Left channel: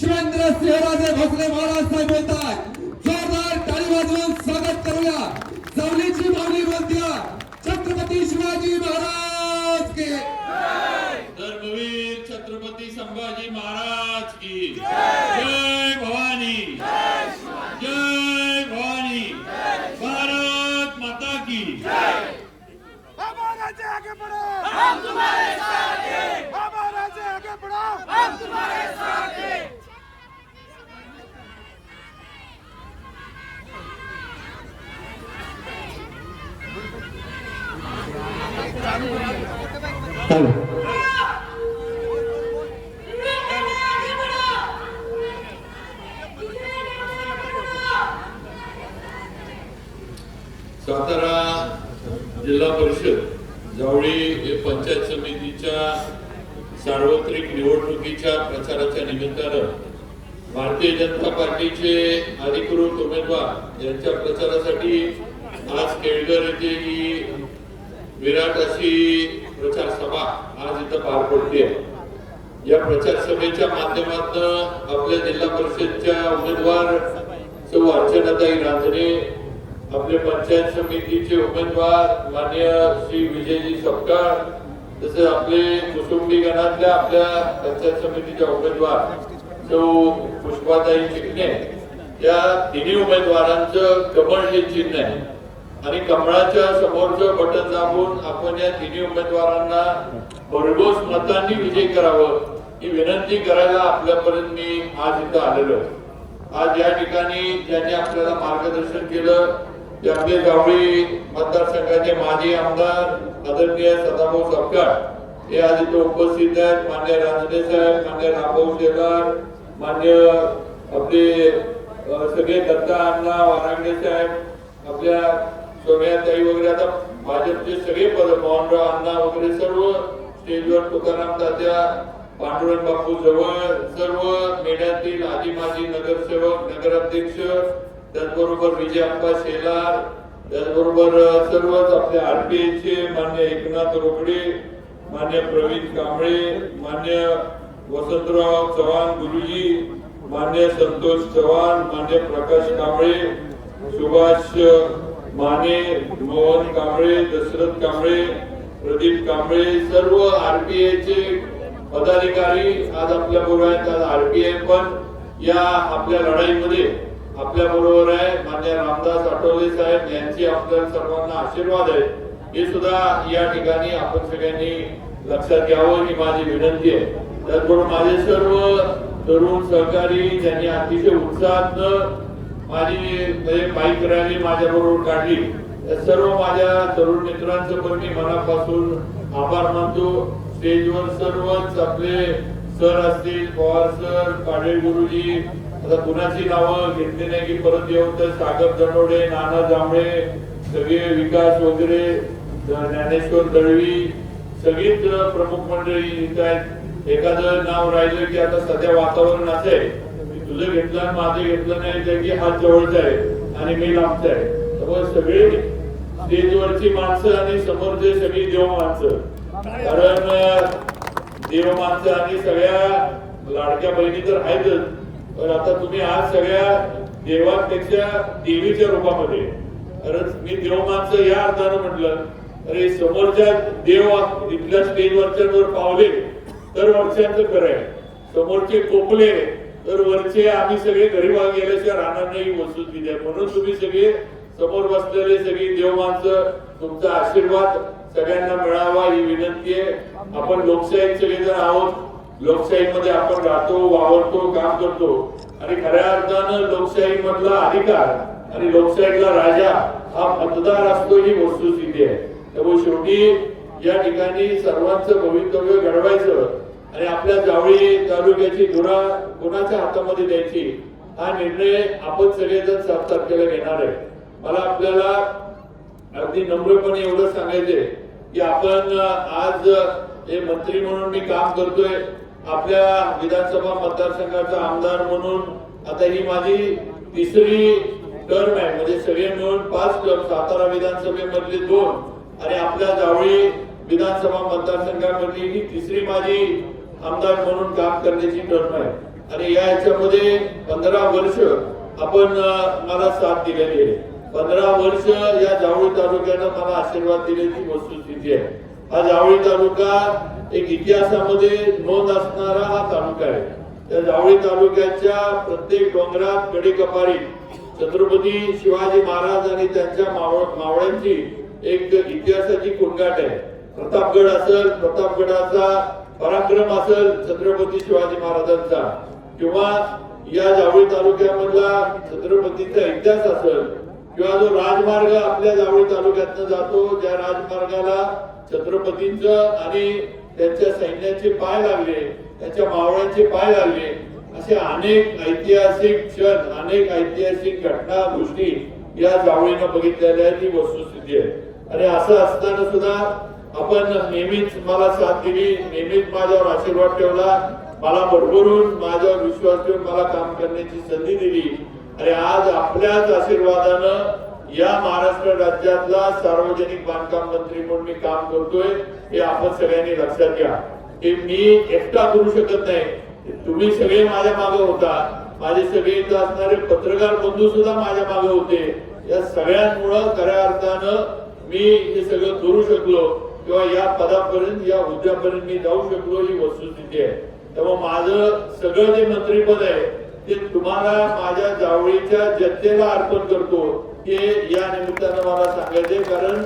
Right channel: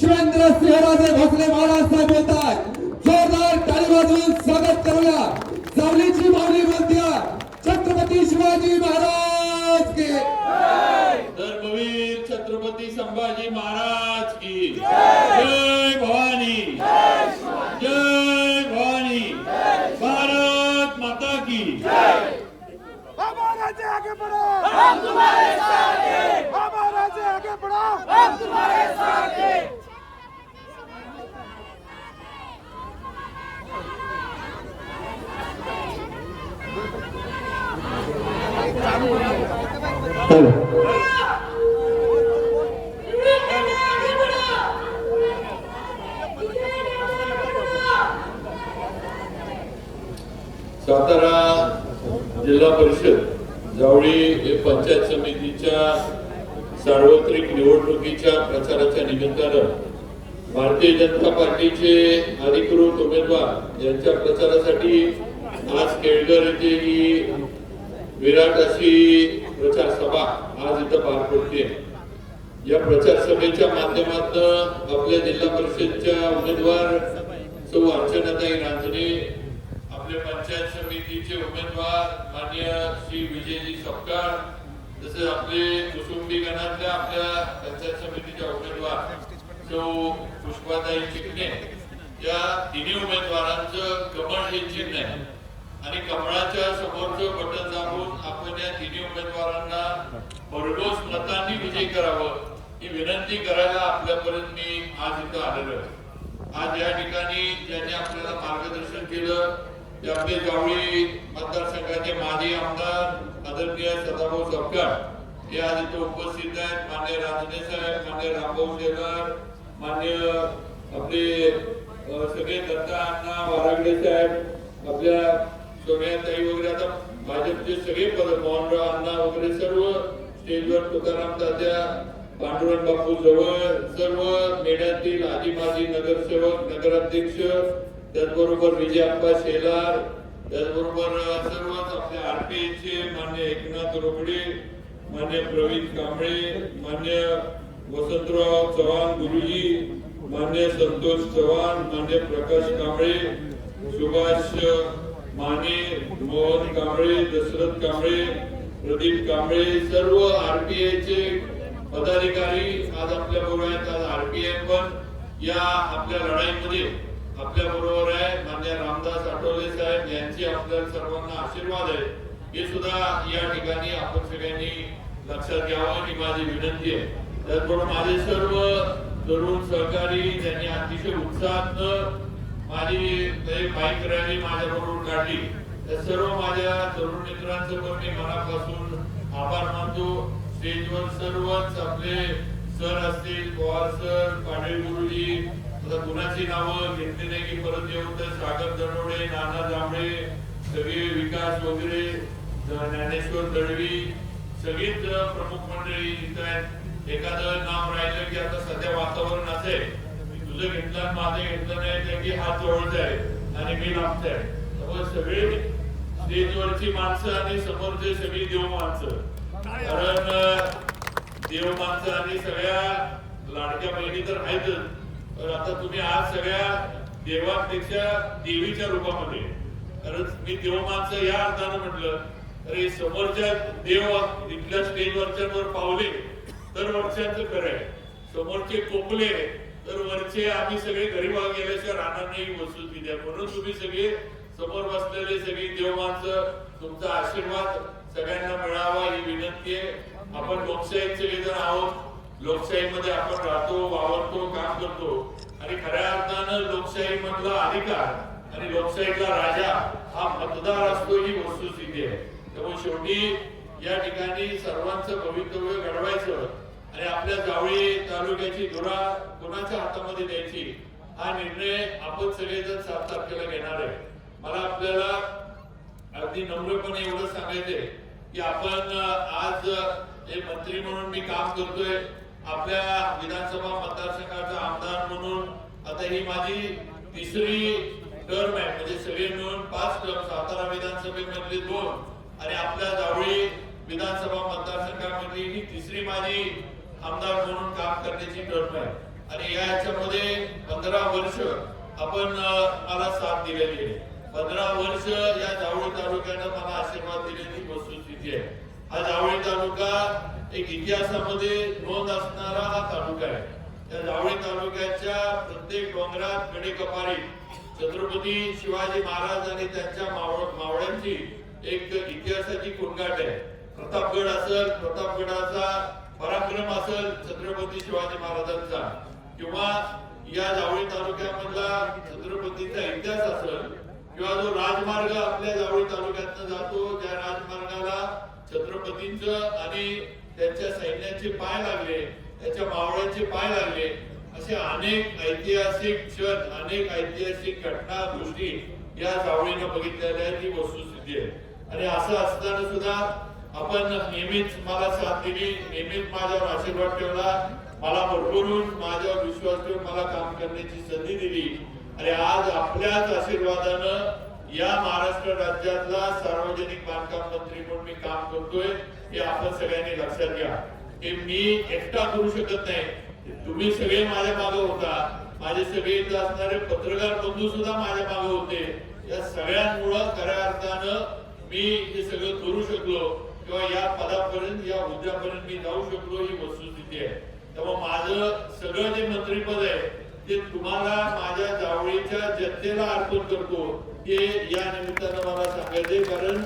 शिवेंद्र सिंहराजे भोसले महाराज साहेब येतात. जोरदार टाळी वाजवून स्वागत करूया. जावलीची माऊली बोलत्या छत्रपती शिवाजी महाराज की धर्मवीर छत्रपती संभाजी महाराज की जय भवानी जय भवानी भारत माता की हमारा से आगे बढ़ो, हम तुम्हारे साथ हैं। हमारा से आगे बढ़ो, हम तुम्हारे साथ हैं। सातारा जिल्हा परिषद जावळी हे पंचायत समितीच्या सार्वत्रिक निवडणुकीच्या प्रचाराच्या निमित्तानं भारतीय जनता पार्टीचे अधिकृत उमेदवार यांच्या प्रचारासाठी आज केळकर येथे ही विराट अशी प्रचार सभा आज इथं पार पडते. या प्रचार सभेच्या माध्यमातून आपल्या जिल्हा परिषदच्या उमेदवार सौ अर्चनाताई रांजणे, आपले पंचायत समितीचे उमेदवार माननीय श्री विजयजी सपकाळ, तसेच आपले कुसुंबी गणातल्या आपल्या पंचायत समितीच्या उमेदवार सौ पुष्पाताई चिकणे, या तिन्ही उमेदवारांचं कमळ हे चिन्ह आहे आणि कमळाच्या समोरचं बटन दाबून आपण या तिन्ही उमेदवारांना भरघोस मतांनी विजयी करावं ही विनंती करायला आपल्यापर्यंत मी आज इथं आलेलो आहे. आज या ठिकाणी ज्यांनी आपल्याला मार्गदर्शन केलं ते आपले जावळी मतदारसंघाचे माजी आमदार आदरणीय सदाभाऊ सपकाळ हे आज इथे उपस्थित आहेत. मान्य रांजणे साहेब, मान्य रामभाऊ शेलार, मान्य आपले सगळे दत्ता अण्णा वारागडे साहेब, आपल्या सोनियाताई वगैरे, आता भाजपचे सगळे पद, मोहनराव अण्णा वगैरे सर्व स्टेजवर, तुकाराम तात्या, पांडुरंग बापू जवळ, सर्व मेढ्यातील आजी माजी नगरसेवक, नगराध्यक्ष, त्याचबरोबर विजयप्पा शेलार, त्याचबरोबर सर्वच आपल्या आरपीएचे मान्य एकनाथ रोकडे, मान्य प्रवीण कांबळे, मान्य वसंतराव चव्हाण गुरुजी, मान्य संतोष चव्हाण, मान्य प्रकाश कांबळे, सुभाष माने, मोहन कांबळे, दशरथ कांबळे, प्रदीप कांबळे, सर्व आरपीआयचे पदाधिकारी आज आपल्या बरोबर आहेत. आज आरपीआय पण या आपल्या लढाईमध्ये आपल्या बरोबर आहे. मान्य रामदास आठवले साहेब यांची आपल्या सर्वांना आशीर्वाद आहे, हे सुद्धा या ठिकाणी आपण सगळ्यांनी लक्षात घ्यावं ही माझी विनंती आहे. त्याचबरोबर माझे सर्व तरुण सहकारी ज्यांनी अतिशय उत्साहात माझी बाईक रॅली माझ्या बरोबर काढली, सर्व माझ्या तरुण मित्रांचं पण मी मनापासून आभार मानतो. स्टेजवर सर्वच आपले सर असतील, पवार सर, पाटील गुरुजी, आता कुणाची नावं घेतली नाही की परत येऊन तर सागर दनोडे, नाना जांभळे, सगळे विकास वगैरे, ज्ञानेश्वर दळवी, सगळीच प्रमुख मंडळी इथं आहेत. एखादं नाव राहिलं की आता सध्या वातावरण असं आहे तुझं घेतलं माझं घेतलं नाही तर की हा जवळचा आहे आणि मी लांबचा आहे. त्यामुळे सगळे स्टेजवरची माणसं आणि समोरचे सगळी देव माणसं, कारण देव माणसं आणि सगळ्या लाडक्या बहिणी तर आहेतच, पण आता तुम्ही आज सगळ्या देवांपेक्षा देवीच्या रूपामध्ये, कारण मी देव माणसं या अर्थानं म्हटलं अरे समोरच्या देव इथल्या स्टेजवरच्या वर पावले तर वरच्यांचं खरं आहे, समोरचे कोपले तर वरचे आम्ही सगळे गरीबा गेल्याशिवाय राहणार नाही वस्तुस्थिती आहे. म्हणून तुम्ही सगळे समोर बसलेले सगळी देव माणसं, तुमचा आशीर्वाद सगळ्यांना मिळावा ही विनंती आहे. आपण लोकशाहीत सगळेजण आहोत, लोकशाहीमध्ये आपण राहतो, वावरतो, काम करतो आणि खऱ्या अर्थानं लोकशाही मधला अधिकार आणि लोकशाहीतला राजा हा मतदार असतो ही वस्तुस्थिती आहे. त्यामुळे शेवटी या ठिकाणी सर्वांचं भवितव्य घडवायचं आणि आपल्या जावळी तालुक्याची धुरा कोणाच्या हातामध्ये द्यायची हा निर्णय आपण सगळेजण 7 तारखेला घेणार आहे. मला आपल्याला अगदी नम्रपणे एवढं सांगायचंय की आपण आज हे मंत्री म्हणून मी काम करतोय, आपल्या विधानसभा मतदारसंघाचा आमदार म्हणून आता ही माझी 3री टर्म आहे, म्हणजे सगळे मिळून 5 टर्म, सातारा विधानसभेमधले 2 आणि आपल्या जावळी विधानसभा मतदारसंघामधली ही 3री माझी आमदार म्हणून काम करण्याची टर्म आहे. आणि या ह्याच्यामध्ये 15 वर्ष आपण मला साथ दिलेली आहे. 15 वर्ष या जावळी तालुक्यानं मला आशीर्वाद दिल्याची वस्तुस्थिती आहे. हा जावळी तालुका एक इतिहासामध्ये नोंद असणारा हा तालुका आहे. त्या जावळी तालुक्याच्या प्रत्येक डोंगरात कडेकपारीत छत्रपती शिवाजी महाराज आणि त्यांच्या मावळ्यांची एक इतिहासाची कुंगाट आहे. प्रतापगड असेल, प्रतापगडाचा पराक्रम असेल छत्रपती शिवाजी महाराजांचा, किंवा या जावळी तालुक्यामधला छत्रपतीचा इतिहास असेल, किंवा जो राजमार्ग आपल्या जावळी तालुक्यातनं जातो, ज्या राजमार्गाला छत्रपतींचं आणि त्यांच्या सैन्याचे पाय लागले, त्याच्या मावळ्यांचे पाय लागले, असे अनेक ऐतिहासिक क्षण, अनेक ऐतिहासिक घटना गोष्टी या जावळीनं बघितलेल्या आहेत. ही वस्तुस्थिती आहे. आणि असं असताना सुद्धा आपण नेहमीच मला साथ दिली, नेहमीच माझ्यावर आशीर्वाद ठेवला, मला भरभरून माझ्यावर विश्वास ठेवून मला काम करण्याची संधी दिली. आणि आज आपल्याच आशीर्वादानं या महाराष्ट्र राज्यातला सार्वजनिक बांधकाम मंत्री म्हणून मी काम करतोय, हे आपण सगळ्यांनी लक्षात घ्या. हे मी एकटा करू शकत नाही. तुम्ही सगळे माझ्या मागे होता, माझे सगळे इथं असणारे पत्रकार बंधू सुद्धा माझ्या मागे होते. या सगळ्यांमुळं खऱ्या अर्थानं मी हे सगळं करू शकलो, किंवा या पदापर्यंत, या हुद्द्यापर्यंत मी जाऊ शकलो. ही वस्तुस्थिती आहे. त्यामुळे माझं सगळं जे मंत्रीपद आहे ते तुम्हाला माझ्या जावळीच्या जनतेला अर्पण करतो, हे या निमित्तानं मला सांगायचंय. कारण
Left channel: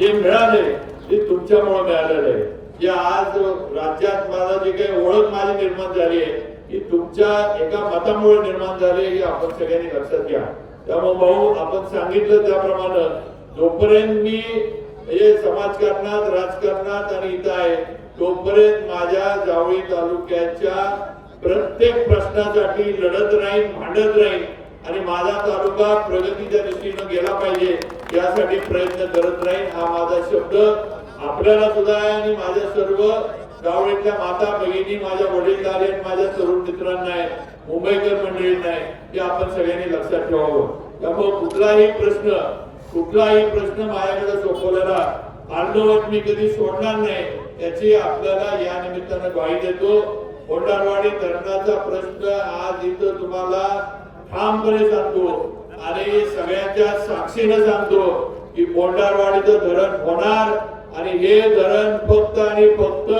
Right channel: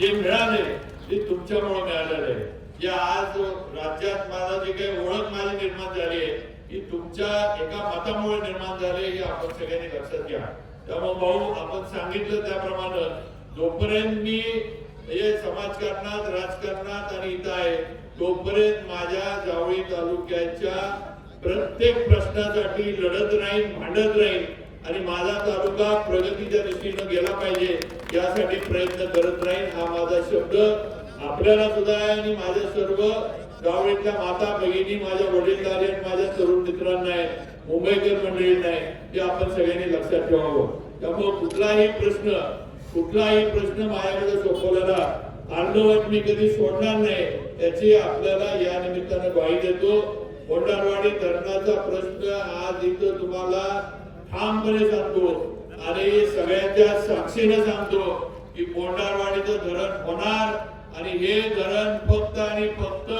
जे मिळाले ते तुमच्यामुळे मिळालेलं आहे. जे आज राज्यात मला जे काही ओळख माझी निर्माण झाली आहे, ही तुमच्या एका मतामुळे निर्माण झाली, हे आपण सगळ्यांनी लक्षात घ्या. त्यामुळे भाऊ, आपण सांगितलं त्याप्रमाणे जोपर्यंत मी हे समाजकारणात, राजकारणात आणि इथं आहे, तोपर्यंत माझ्या जावळी तालुक्याच्या प्रत्येक प्रश्नासाठी लढत राहील, भांडत राहील, आणि माझा तालुका प्रगतीच्या दृष्टीनं गेला पाहिजे यासाठी प्रयत्न करत राहील. हा माझा शब्द आपल्याला सुद्धा आहे, आणि माझ्या सर्व जावळीतल्या माता भगिनी, माझ्या वडीलधारी आणि माझ्या तरुण मित्रांना आहे, मुंबईकर मंडळींना आहे, हे आपण सगळ्यांनी लक्षात ठेवावं. त्यामुळे कुठलाही प्रश्न माझ्याकडे सोपवलेला अर्धवट मी कधी सोडणार नाही, याची आपल्याला या निमित्तानं ग्वाही देतो. कोंडारवाडी धरणाचा प्रश्न आज इथं तुम्हाला ठामपणे सांगतो, आणि सगळ्यांच्या साक्षीनं सांगतो की कोंडारवाडीचं धरण होणार, आणि हे धरण फक्त आणि फक्त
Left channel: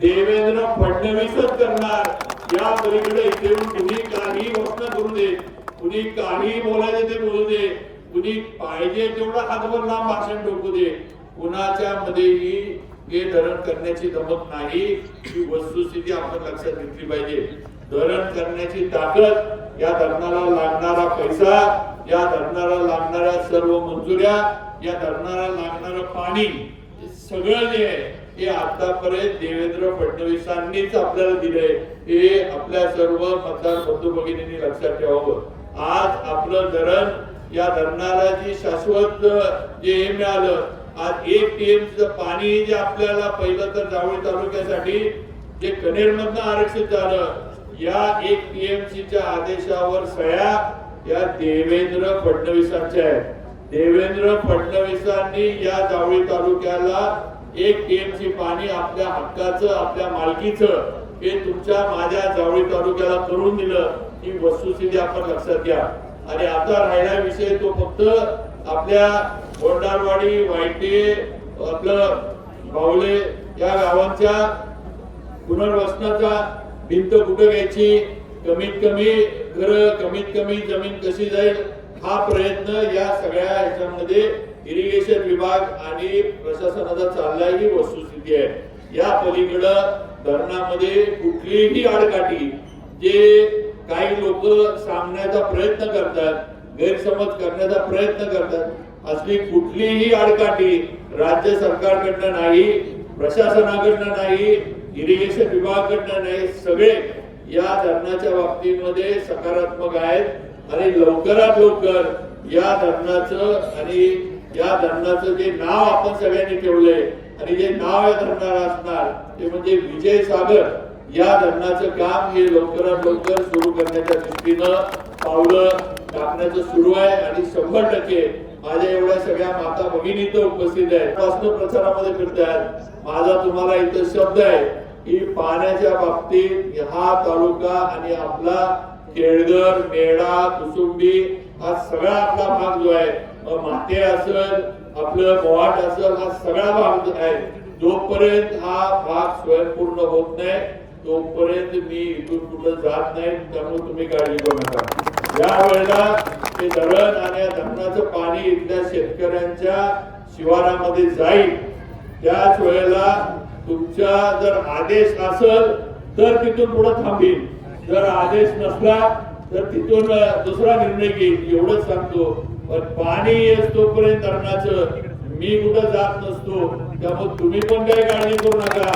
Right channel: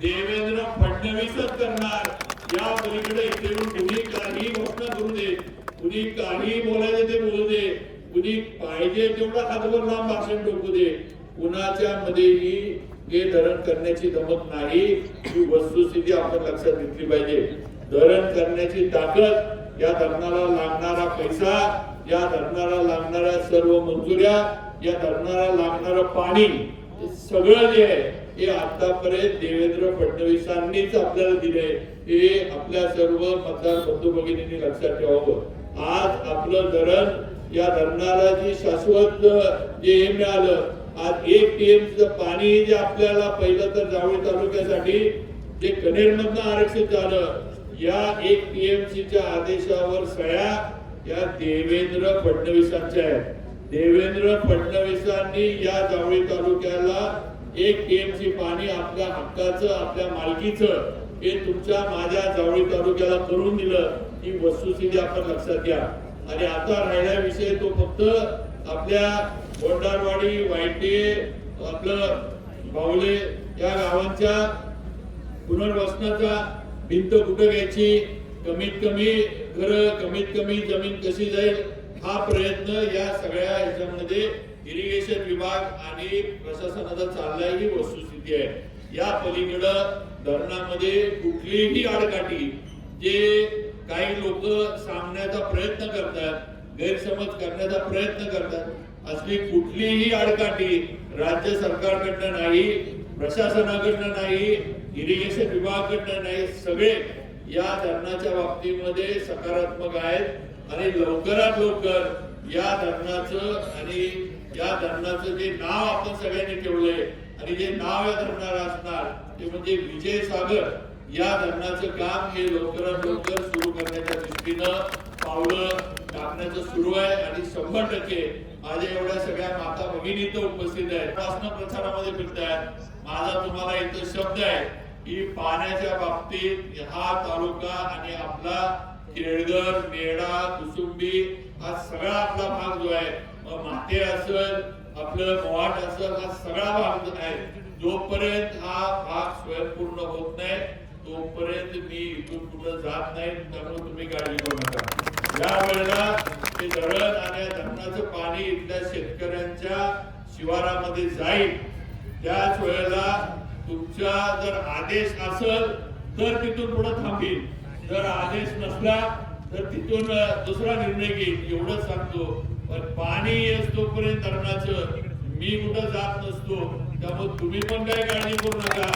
देवेंद्र फडणवीसच करणार. या पलीकडे इथे कुणी काही घोषणा करू दे, कुणी काही बोलायचे ते बोलू दे, कुणी पाहिजे तेवढा हातभर लांब भाषण ठोकू दे, कुणाच्या मध्येही हे धरण करण्याची जमत नाही. ही वस्तुस्थिती आपण लक्षात घेतली पाहिजे. धरण करण्याची ताकद, या धरणाला लागणारा पैसा, या धरणाला लागणाऱ्या सर्व मंजुऱ्या, या धरणाला लागणारं पाणी, सगळं जे आहे हे आतापर्यंत देवेंद्र फडणवीसांनीच आपल्याला दिले. हे आपल्या सर्व मतदार बंधू भगिनींनी लक्षात ठेवावं. आज आपलं धरण, या धरणाला जी शाश्वत जे हे मिळालं, आज 1 TMC पाणी जे आपल्याला पहिलं तर जावळी तालुक्यासाठी जे कनेरमधनं आरक्षित झालं, या 1 TMCच्या आदेशावर सह्या या देवेंद्र फडणवीसांच्या आहेत. देवेंद्र फडणवीसांनी या जावळी तालुक्याला 1 TMC पाणी आपल्या हक्काचं, आपल्या मालकीचं, हे तुमच्या माझ्या जावळी तालुक्याला करून दिलं. ही वस्तुस्थिती आपण लक्षात घ्या. आणि आता राहिला विषय तो फक्त आपल्या कोंडारवाडी, वायटे, आपलं बावले या गावांच्या पुनर्वसनाचा, भिंत कुठं घ्यायची, कमीत कमी घर, कमीत कमी जमीन कशी जाईल, हा प्रयत्न या सगळ्या ह्याच्यामध्ये इरिगेशन विभाग आणि प्रशासनाचा चाललाय. ही वस्तुस्थिती आहे. या पलीकडं धरणामध्ये कुठलीही आडकाठी जे काही लोक सांगण्याचा प्रयत्न करतात, गैरसमज करण्याचा प्रयत्न करतात, असली कुठलीही आडकाठी राज्य सरकारकडनं नाही, प्रशासनाकडनं नाही, इरिगेशन विभागाकडनं नाही. सगळे या धरणाच्या बाबतीमध्ये सकारात्मक आहेत, आणि लवकरात लवकर या धरणाचं, आणि या धरणाचं जे नाव आपण सगळ्यांनी ठेवलंय, आणि जे नाव या धरणाला असणार ते म्हणजे विजय सागर, या धरणाचं काम हे लवकरात लवकर सुरू करण्याच्या दृष्टीनं पावलं टाकण्याचं सुरू आहे. आणि 100% माझ्या एवढ्या सगळ्या माता भगिनी इथं उपस्थित आहेत, प्रचारामध्ये फिरतायत. माझा तुम्हाला इथं शब्द आहे की पाण्याच्या बाबतीत हा तालुका आणि आपला केळघर, मेढा, कुसुंबी हा सगळा आपला भाग जो आहे, माते असेल, आपलं मोहाट असेल, हा सगळा भाग जो आहे, जोपर्यंत हा भाग स्वयंपूर्ण होत नाही तोपर्यंत मी इथून कुठं जात नाही. त्यामुळे तुम्ही काळजी करू नका. या वेळेला ते धरण आणि धरणाचं पाणी इथल्या शेतकऱ्यांच्या शिवारामध्ये जाईल. त्याच वेळेला तुमचा जर आदेश असेल तर तिथून पुढे थांबील, जर आदेश नसला तर तिथून दुसरा निर्णय घेईल, एवढंच सांगतो. पण पाणी येत तोपर्यंत धरणाचं मी कुठं जात नसतो. त्यामुळे तुम्ही पण काही काळजी करू नका.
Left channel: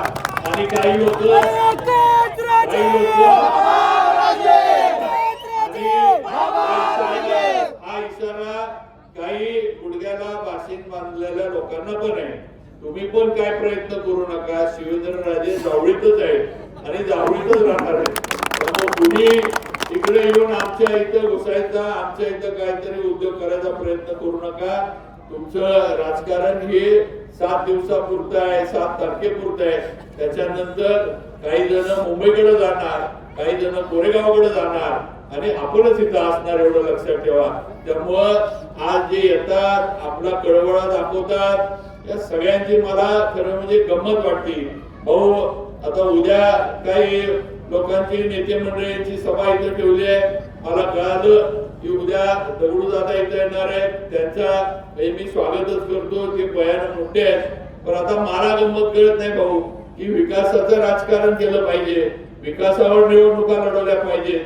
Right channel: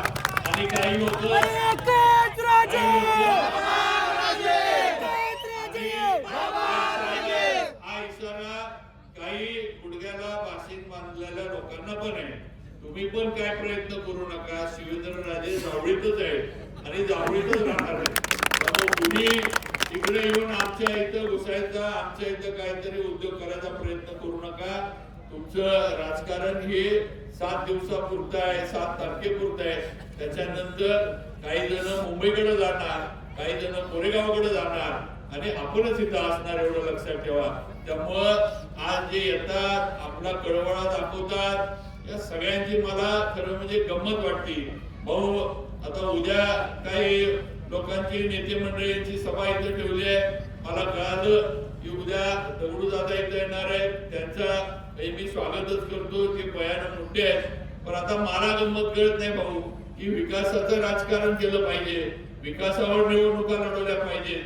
आणि काही लोक हा इशारा काही गुडघ्याला बाशिंग बांधलेल्या लोकांना पण आहे. तुम्ही पण काय प्रयत्न करू नका. शिवेंद्रराजे जावळीतच आहे आणि जावळीतच राहणार आहे. त्यामुळे तुम्ही इकडे येऊन आमच्या इथं घुसायचा, आमच्या इथं काहीतरी उद्योग करायचा प्रयत्न करू नका. तुमचं राजकारण हे 7 दिवसापुरतं आहे, 7 तारखेपुरतं आहे. त्याच्यानंतर काही जण मुंबईकडे जाणार, काही जण कोरेगावकडे जाणार आणि आपणच इथं असणार, एवढं लक्षात ठेवा. त्यामुळं आज जे येतात आपला कळवळा दाखवतात, या सगळ्यांची मला खरं म्हणजे गंमत वाटते. भाऊ आता उद्या काही लोकांची नेते मंडळींची सभा इथं ठेवली आहे. मला कळालं की उद्या दगडूदादा इथं येणार आहे. त्यांचा मी स्वागतच करतो. ते भयानक मोठे आहेत. पण आता मला गंमत कळत नाही भाऊ की विकासाचं राजकारण केलं पाहिजे, विकासावर निवडणुका लढवल्या पाहिजेत.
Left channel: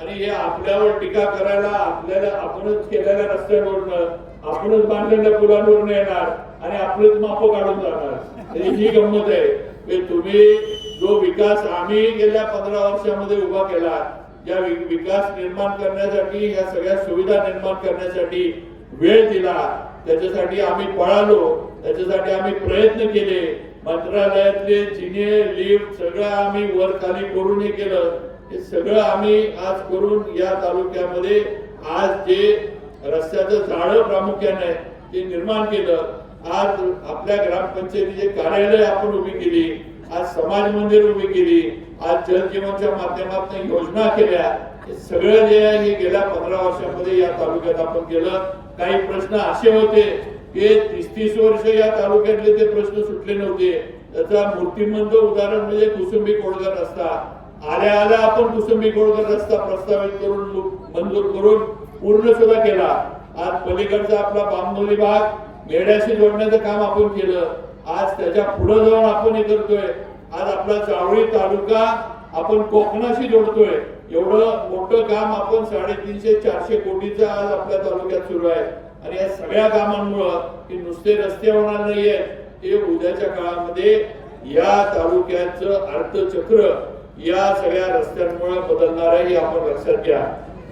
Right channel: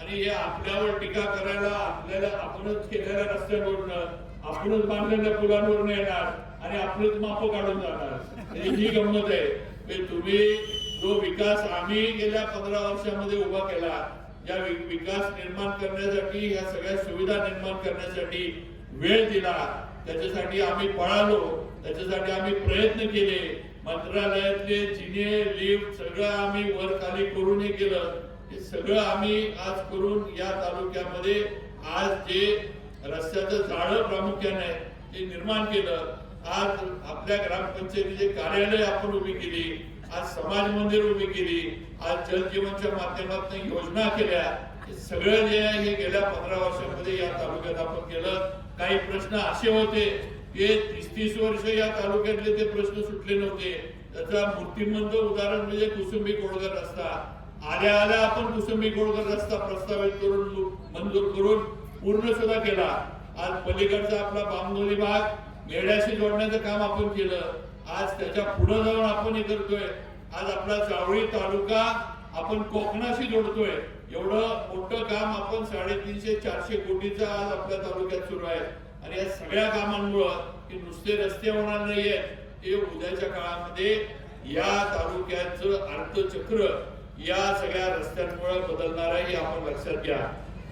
आणि हे आपल्यावर टीका करायला आपल्याला आपणच केलेल्या रस्त्यांवरनं, आपणच बांधलेल्या पुलांवरनं येणार आणि आपलेच माप काढून जाणार. ही गंमत आहे. तुम्ही जो विकास आम्ही गेल्या 15 वर्षामध्ये उभा केला, या विकास निर्माण करण्यासाठी, या सगळ्या सुविधा निर्माण करण्यासाठी वेळ दिला, त्याच्यासाठी आम्ही पळालो, त्याच्यासाठी आम्ही प्रयत्न केले. मंत्रालयातले जिने, लिफ्ट सगळं आम्ही वर खाली करून हे केलं. हे सगळं आम्ही आज करून या तालुक्यामध्ये आज जे रस्त्याचं जाळं प्रामुख्याने ते निर्माण केलं. आज आपल्या ग्रामपंचायतीचे कार्यालय आपण उभी केली, आज समाज मंदिर उभी केली, आज जल जीवनच्या माध्यमातून योजना केल्या. हे सगळं जे आहे हे गेल्या 15 वर्षांमध्ये या तालुक्यात आपण केलं. काही प्रश्न असे होते की 30-30 वर्ष या तालुक्यातले ते प्रश्न सुटले नव्हते. त्याचा मूर्तिमंत उदाहरण म्हणजे कुसुंबी कोळगर रस्ता. आल्या आल्या आपण कुसुंबी कोळगर रस्ता प्रस्तावित करून मंजूर करून पूर्ण सुद्धा केला. आज पलीकडचा आपला बांबोली भाग मेढ्याशी जोडण्याचं काम आपण केलं. आज त्याच्या पुढे जाऊन आपण हे करतोय. आज आपला जावळी तालुका आपण कोकणाशी जोडतोय. एवढं मोठं काम आपण 350-400 कोटीचं आज आपल्या तालुक्यात सुरू आहे. आणि या सगळ्या कामांमुळं की नुसते रस्ते होणार नाहीये, ते उद्याच्या काळामध्ये या तालुक्याचं अर्थचक्र या सगळ्या रस्त्यांमुळे बदलणार आहे, हे आपण लक्षात घ्या.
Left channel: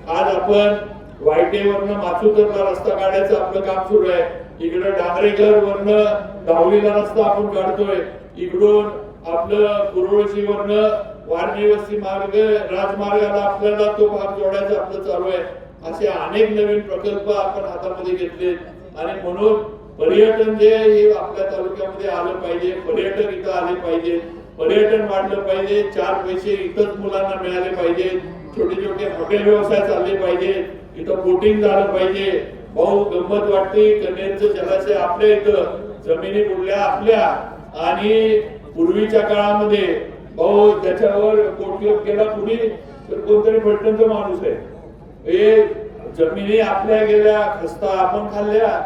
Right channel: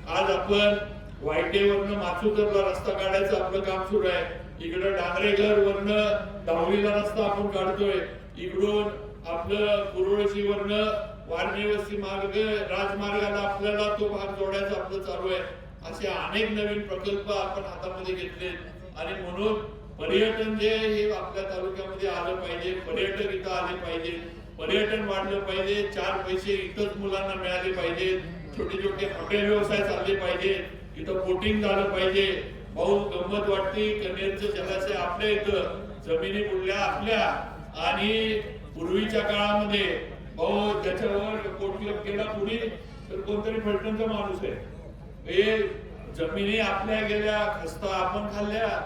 आज आपण वायटेवरनं माचुतरला रस्ता काढायचं आपलं काम सुरू आहे. इकडे डांगरेघर वरनं दावलीला रस्ता आपण काढतोय. इकडून आपलं कुरोळशी वरनं वारणी वस्ती मार्ग राजमार्गाला आपल्याला तो भाग जोडायचा आपलं चालू आहे. असे अनेक नवीन प्रकल्प आपण हातामध्ये घेतले. आणि म्हणून पर्यटन जे हे आपल्या तालुक्यामध्ये आलं पाहिजे, पर्यटक इथं आले पाहिजे, पर्यटन वाढलं पाहिजे, 4 पैसे इथंच मुलांना मिळाले पाहिजे, छोटे छोटे हॉटेल व्यवसाय चालले पाहिजे, इथं बोटिंग झालं पाहिजे. भाऊ गंमत वाटते, कन्हेरचं जलाशय आपल्या इथं, जमिनी बुडल्या आपल्या. आणि पूर्वीच्या काळामध्ये भाऊ त्याच्यावर कोटलोक केला कुणी तर कोणतरी फलटणचा माणूस आहे. हे जमिनी आपल्या गेल्या, खस्ता आपण खाल्ल्या,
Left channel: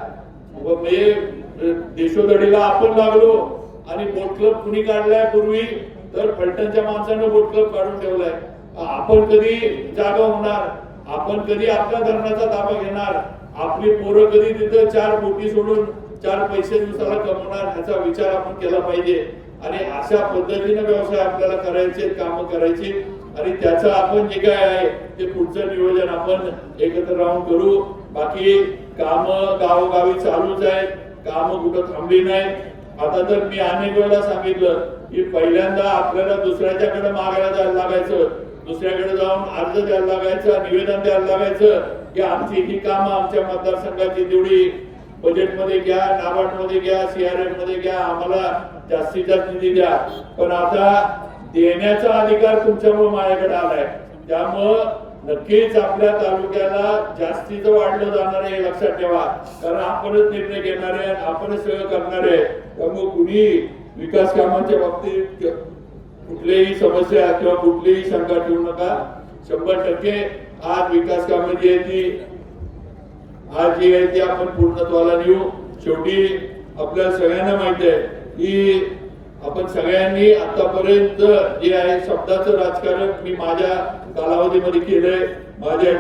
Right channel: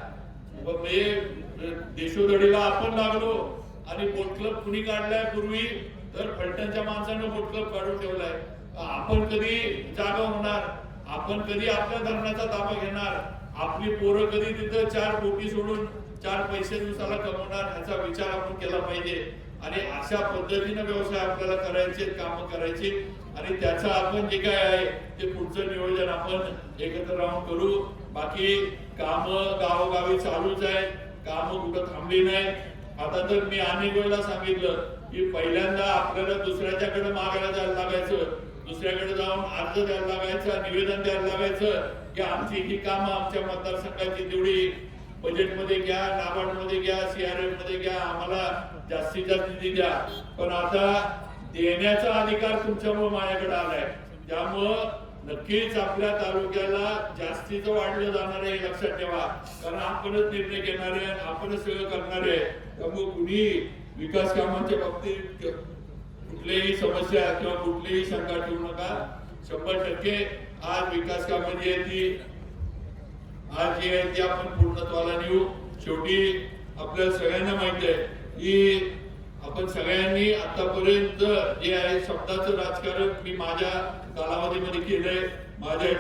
देशोधडीला आपण लागलो. आणि बोट क्लब कुणी काढलाय पूर्वी तर फलटणच्या माणसानं बोट क्लब काढून ठेवलाय. आपण कधी जागा होणार, आपण कधी आपल्या धरणाचा ताबा घेणार, आपली पोरं कधी तिथं 4 बोटी सोडून 4 पैसे दिवसाला कमवणार, ह्याचा विचार आपण केला पाहिजे. आणि अशा पद्धतीने व्यवसाय आपल्याला करायचे, काम करायची. आणि त्याचं आपण जे काय आहे ते पुढचं नियोजन आपण एकत्र राहून करू. बाकी काम गावोगावी चालूच आहेत, काम कुठं थांबली नाही. आता तर मी अनेक वेळेला सांगितलं की पहिल्यांदा आपल्याला दुसऱ्याच्याकडे मागायला जायला लागायचं, दुसऱ्याकडे जाऊन अर्ज द्यायला लागायचं, निवेदन द्यायला लागायचं की आमची ही कामं आमच्या मतदारसंघाची तेवढी बजेटमध्ये घ्या, नाबार्ड मध्ये घ्या, CRF मध्ये घ्या, आम्हाला जास्तीत जास्त निधी द्या. पण आता देण्याचा अधिकार तुमच्यामुळे माझ्याकडे आलाय. त्यामुळं नक्कीच आपल्या तालुक्याला जास्तीचं वाढलं जाणार आहे हे लक्षात ठेवा. कारण आपणच निर्णय घेणार आहे, आपणच सगळं करणार आहे. त्यामुळे कुणी विकास कामांच्या बाबतीत कुठलीही समस्या किंवा कुठलीही शंका ठेवू नका. 100% आज विकास कामं जी आहे ती आज जी आहे ती आपण पूर्णत्वाला नेऊ. शेवटी आपल्या सगळ्यांना माहिती आहे की आपण सगळ्यांनी आतापर्यंत जे आहे शब्दाचं राजकारण मी माझ्या कालावधीमध्ये केलंय. माझ्या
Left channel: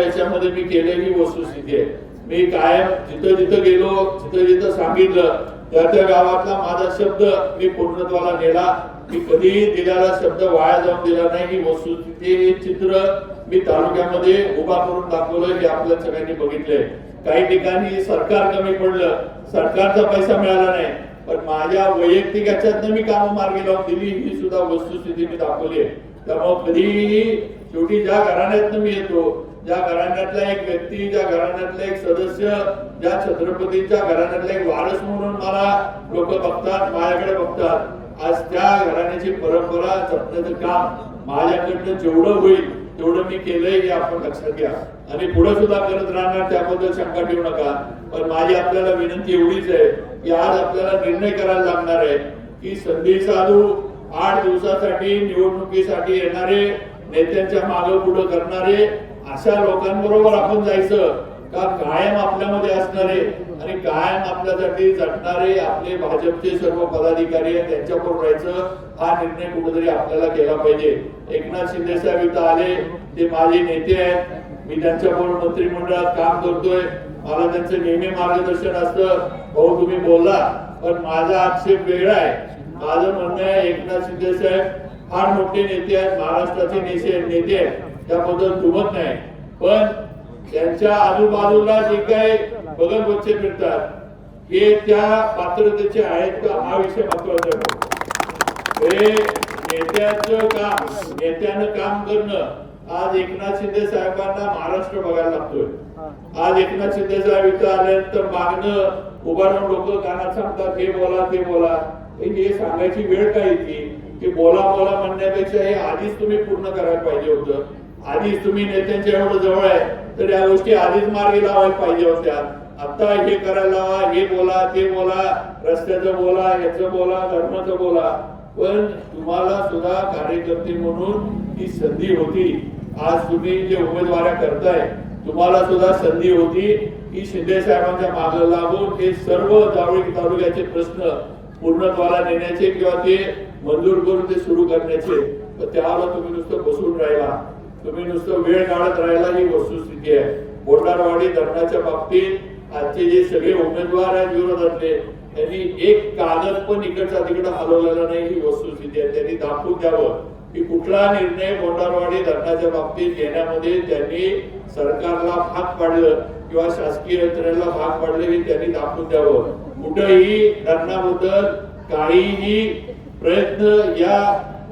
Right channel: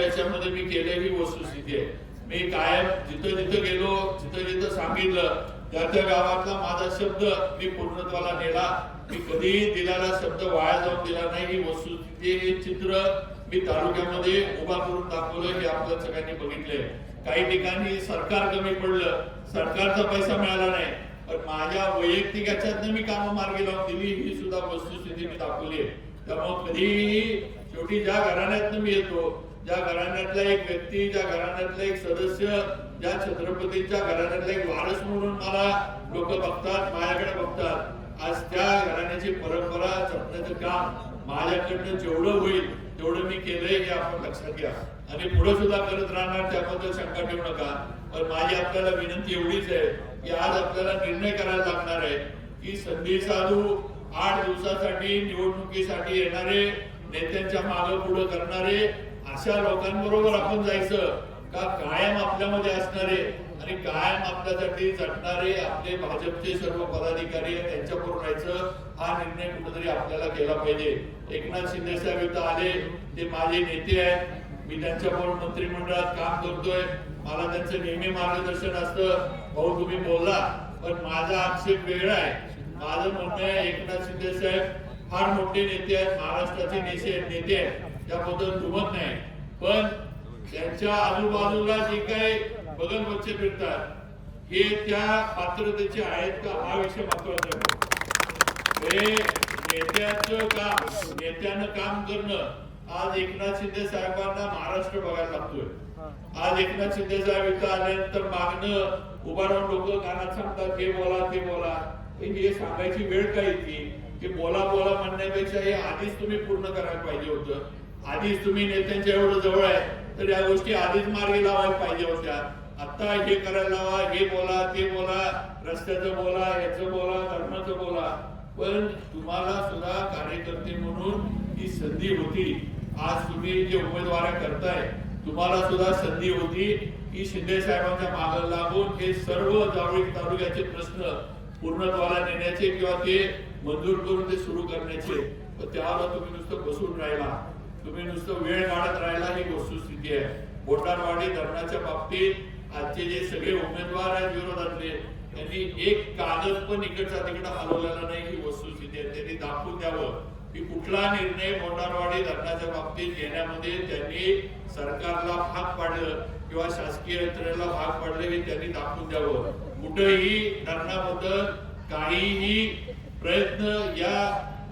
याच्यामध्ये मी केलंय ही वस्तुस्थिती आहे. मी कायम जिथं गेलो, जिथं सांगितलं त्या गावातला माझा शब्द मी पूर्णत्वाला नेला. मी कधीही दिलेला शब्द वाया जाऊन दिला नाही. ही वस्तुस्थिती, हे चित्र मी तालुक्यामध्ये उभा करून दाखवलं हे आपल्या सगळ्यांनी बघितलंय. काही ठिकाणी सरकार कमी पडलं, सरकारचा पैसा मिळाला नाही, पण माझ्या वैयक्तिक याच्यातनं मी कामं मार्गी लावून दिली ही सुद्धा वस्तुस्थिती मी दाखवली आहे. त्यामुळे कधीही शेवटी ज्या घराण्यातनं मी येतो, ज्या घराण्यातला एक व्यक्ती, ज्या घराण्यातला एक सदस्य, ज्या छत्रपतींच्या घराण्यातला एक वारस म्हणून मला लोक बघतात, माझ्याकडे बघतात. आज त्या घराण्याची परंपरा जपण्याचं काम माझ्याकडनं जेवढं होईल तेवढं मी केलंय हे आपण लक्षात घ्या आणि पुढे सुद्धा करत राहणार, त्याबद्दल शंका ठेवू नका. पण माझी आपल्याला विनंती एवढीच आहे की आज आपल्याला निर्णय करायला लागणार आहे की संधी साधू 8 दिवसासाठी निवडणुकीसाठी येणारे, नेत्यांच्या मागे पुढे करणारे अशा लोकांबरोबर आपण जायचं का कायम आपल्यामध्ये असणारे आणि कायम आपल्यासाठी झटणारे आपले भाजपचे सर्व पदाधिकारी आहेत त्यांच्याबरोबर राहायचं. हा निर्णय कुठेतरी आपल्याला केला पाहिजे. एकनाथ शिंदे साहेब इथं आले, ते माझे नेते आहेत. मी त्यांच्याबरोबर मंत्रिमंडळात काम करतोय. मला त्यांचं नेहमी मार्गदर्शन असतं. भाऊ तुम्ही बोलला, पण माझा आक्षेप वेगळा आहे. माझं म्हणणं आहे एकनाथ शिंदे साहेब फार मोठे नेते आहेत, महाराष्ट्राचे नेते आहेत, त्याबद्दल दुमत नाही. पण त्यांच्या आजूबाजूला जे काही बगल बच्चे फिरतात हे त्या पात्रतेचे आहेत का हा विषय महत्वाचा आहे. हे नेत्याचं काम, नेत्यानं काम करणं. आज एकनाथ शिंदे साहेबांना महाराष्ट्र बघायला लागतोय. आज एकनाथ शिंदे साहेब इथं आल्यानंतर मागणं उभारून लोक कानात सांगतात हे बोला ते बोला. हे सांगायची वेळ काय येते की बोला म्हणण्यापेक्षा हे आधीच तुम्ही पूर्ण करायला पाहिजे होतं. आधीच तुम्ही नेत्यांच्या एवढं जवळ आहे तर या गोष्टी आधीच मार्गी लावायला पाहिजे होत्या. आता हे करायला लावा, हे बोला ते बोला, रस्त्याचं बोला, याचं बोला, धर्माचं बोला. पण तुम्हाला सुद्धा कार्यकर्ते म्हणून ही संधी होती. आज तुम्ही जे उमेदवाऱ्या करताय तुम्हाला सुद्धा संधी होती की शिंदे साहेबांच्या मागे लागून हे सर्व जावळी तालुक्याचे प्रश्न पूर्णत्वाला नेण्याचे किंवा ते मंजूर करून ते सुरू करण्याचे. तर त्याला तुम्ही नुसतं बसून राहिला, तुम्ही नुसतं वेळ काढत राहिला ही वस्तुस्थिती आहे. बोंडारवाडी धरणाच्या बाबतीत आजचे जे सगळे उमेदवार आहेत विरोधातले त्यांनी एक कागद पण इकडचा तिकडे हलवलेला नाही ही वस्तुस्थिती आहे. त्यांनी दाखवून द्यावं की कुठला निर्णय बोंडारवाडी धरणाच्या बाबतीत घेण्यामध्ये त्यांनी सरकारला भाग पाडलं किंवा शासकीय यंत्रणेला भाग पाडले हे त्यांनी दाखवून द्यावं. कुठेही धरणाबद्दल काहीही प्रयत्न या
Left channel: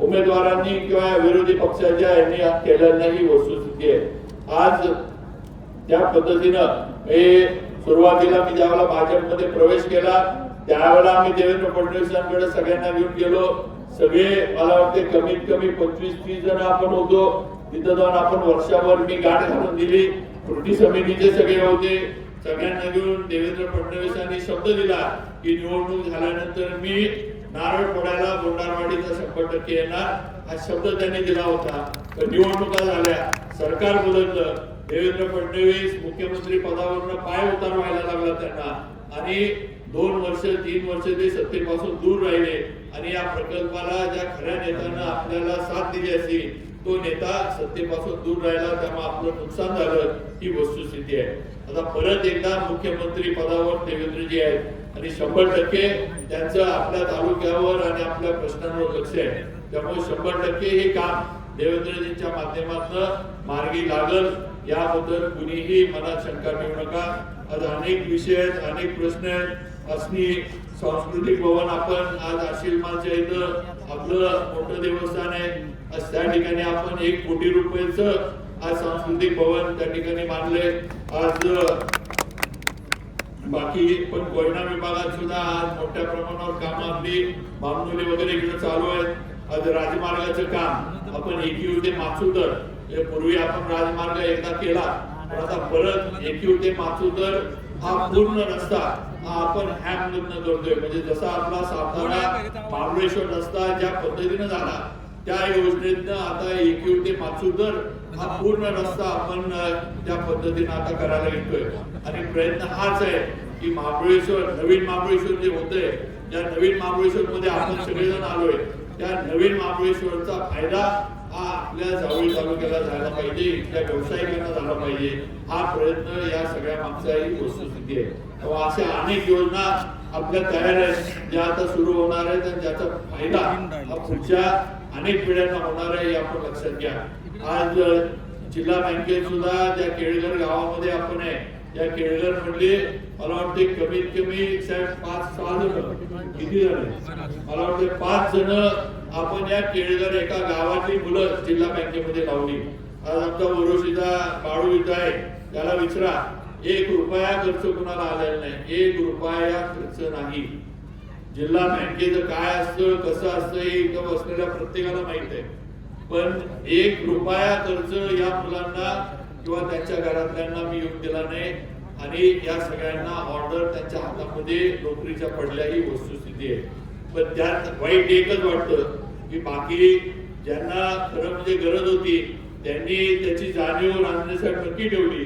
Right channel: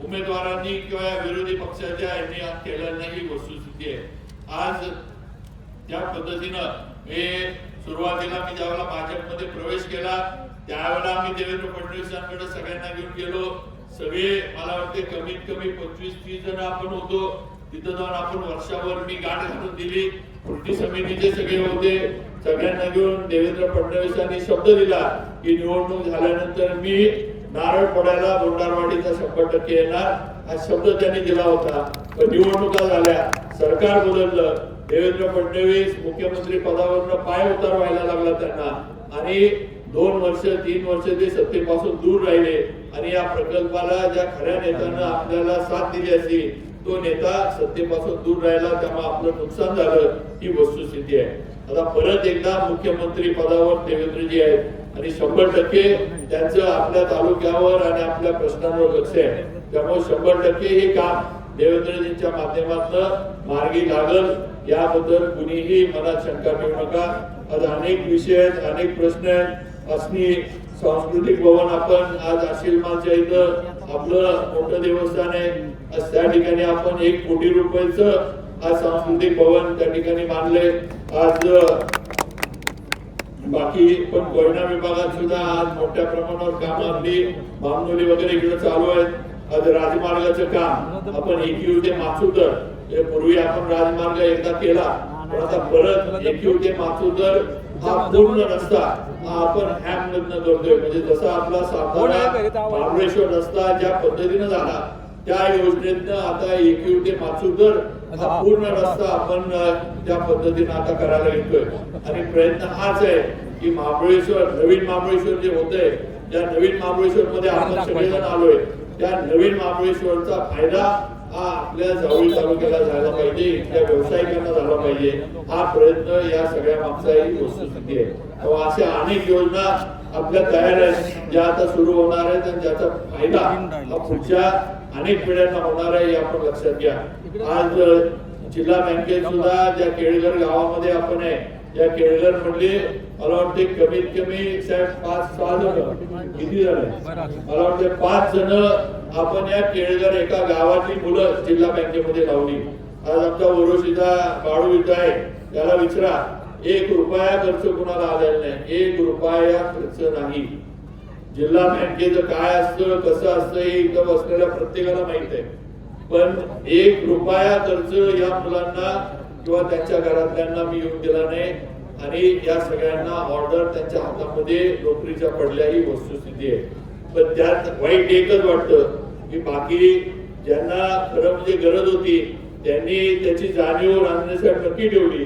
उमेदवारांनी किंवा विरोधी पक्षाच्या यांनी केलेला नाही वस्तुस्थिती आहे. आज त्या पद्धतीनं हे सुरुवातीला मी ज्यावेळेला भाजपमध्ये प्रवेश केला त्यावेळेला आम्ही देवेंद्र फडणवीसांकडे सगळ्यांना घेऊन गेलो. सगळे मला वाटते कमीत कमी 25-30 जण आपण होतो. तिथं जाऊन आपण वर्षभर मी गाठ घालून दिली. कृती समितीचे सगळे होते. सगळ्यांना घेऊन देवेंद्र फडणवीसांनी शब्द दिला की निवडणूक झाल्यानंतर मी नारळ फोडायला बोंडारवाडीचा 100% येणार हा शब्द त्यांनी दिला होता. पण निवडणुका झाल्या, सरकार बदललं, देवेंद्र फडणवीस मुख्यमंत्री पदावरनं पाय उतार व्हायला लागला त्यांना आणि 2 वर्ष 3 वर्ष ते सत्तेपासून दूर राहिले आणि या प्रकल्पाला ज्या खऱ्या नेत्यानं आपल्याला साथ दिली असती तो नेता सत्तेपासून दूर राहिला, त्यामुळे आपलं नुकसान झालं ही वस्तुस्थिती आहे. आता परत एकदा मुख्यमंत्री पदावर देवेंद्रजी आहेत आणि 100% त्यांचं आपल्या तालुक्यावर आणि आपल्या प्रश्नांवर लक्ष आहे. त्यामुळे 100% हे काम देवेंद्रजींच्या माध्यमातून मार्गी लागल याबद्दल कुणीही मनात शंका ठेवू नका. आज अनेक विषय आहेत, अनेक प्रश्न आहेत. असणी सांस्कृतिक भवन आपण आज आशिलमाच्या इथं आपलं मोठं देवस्थान आहे. आज त्या ठिकाणी आपण 1 कोटी रुपयाचं आज सांस्कृतिक भवन त्या ठिकाणी बांधले. आज बाकी पण कोयना विभागात सुद्धा आज मोठ्या प्रमाणावर काम अगदी बामनोली वगैरे इकडे चालू आहेत. आज राजमार्गाचं काम आपण एकयू ते माचुतर, पूर्वी आपण राजमार्ग एकदा केला, पण आता परत एकयू ते माचुतर हा पूर्ण रस्ता हा आपण हॅम मधनं करतोय. म्हणजे जसा आपला सातारा महाबळेश्वर रस्ता ज्या पद्धतीने झाला त्या योजनेतनं आता एकयू ते माचुतर हा पूर्ण रस्ता आपण त्या पद्धतीने आता करायला येतोय. आणि प्रयत्न हाच आहे की महाबळेश्वर, नवीन महाबळेश्वर जे होतंय, त्या नवीन महाबळेश्वर मध्ये आपण सगळेजण आलोय, त्या नवीन महाबळेश्वरचा फायदा हा आपल्या जावळी तालुक्याला झाला पाहिजे, इथल्या व्यावसायिकांना झाला पाहिजे. हा प्रयत्न या सगळ्या मागचाही वस्तुस्थिती आहे. तेव्हा अशा अनेक योजना आपल्या तयार आहेत ज्या आता सुरू होणार आहेत आणि ज्याचा फायदा हा पुढच्या अनेक पिढ्यांना होणार आहे हे आपण लक्षात घ्या. आज जिल्हा बँकेत सुद्धा ज्या केळघर गावामध्ये आपण आहे, या केळघर मधले मला वाटते कमीत कमी साहेब 5-6 जण, किती झाले मला वाटते 5 जण आपण या केळघर एका गावाची मुलं जिल्हा बँकेमध्ये लावली. आज आमचा ओरोशीचा बाळू इथं आहे, त्याला विचारा 1 रुपया खर्च कुणाला आलेला नाही, 1 रुपया खर्च नाही. जिल्हा बँकेचं काय असतं, कसं असतं हे इथं बसलेल्या प्रत्येकाला माहित आहे. पण 1 रुपया खर्च या मुलांना किंवा त्यांच्या घरातल्यांना मी येऊन दिला नाही. आणि या सगळ्यांना ऑर्डर त्यांच्या हातामध्ये नोकरीच्या पडल्या ही वस्तुस्थिती आहे. पण त्यात वाईट एकच वाटतं की बाकी ज्यांना खरं म्हणजे गरज होती त्यांनी त्याची जाणीव रांजणेसाहेब नक्की ठेवली.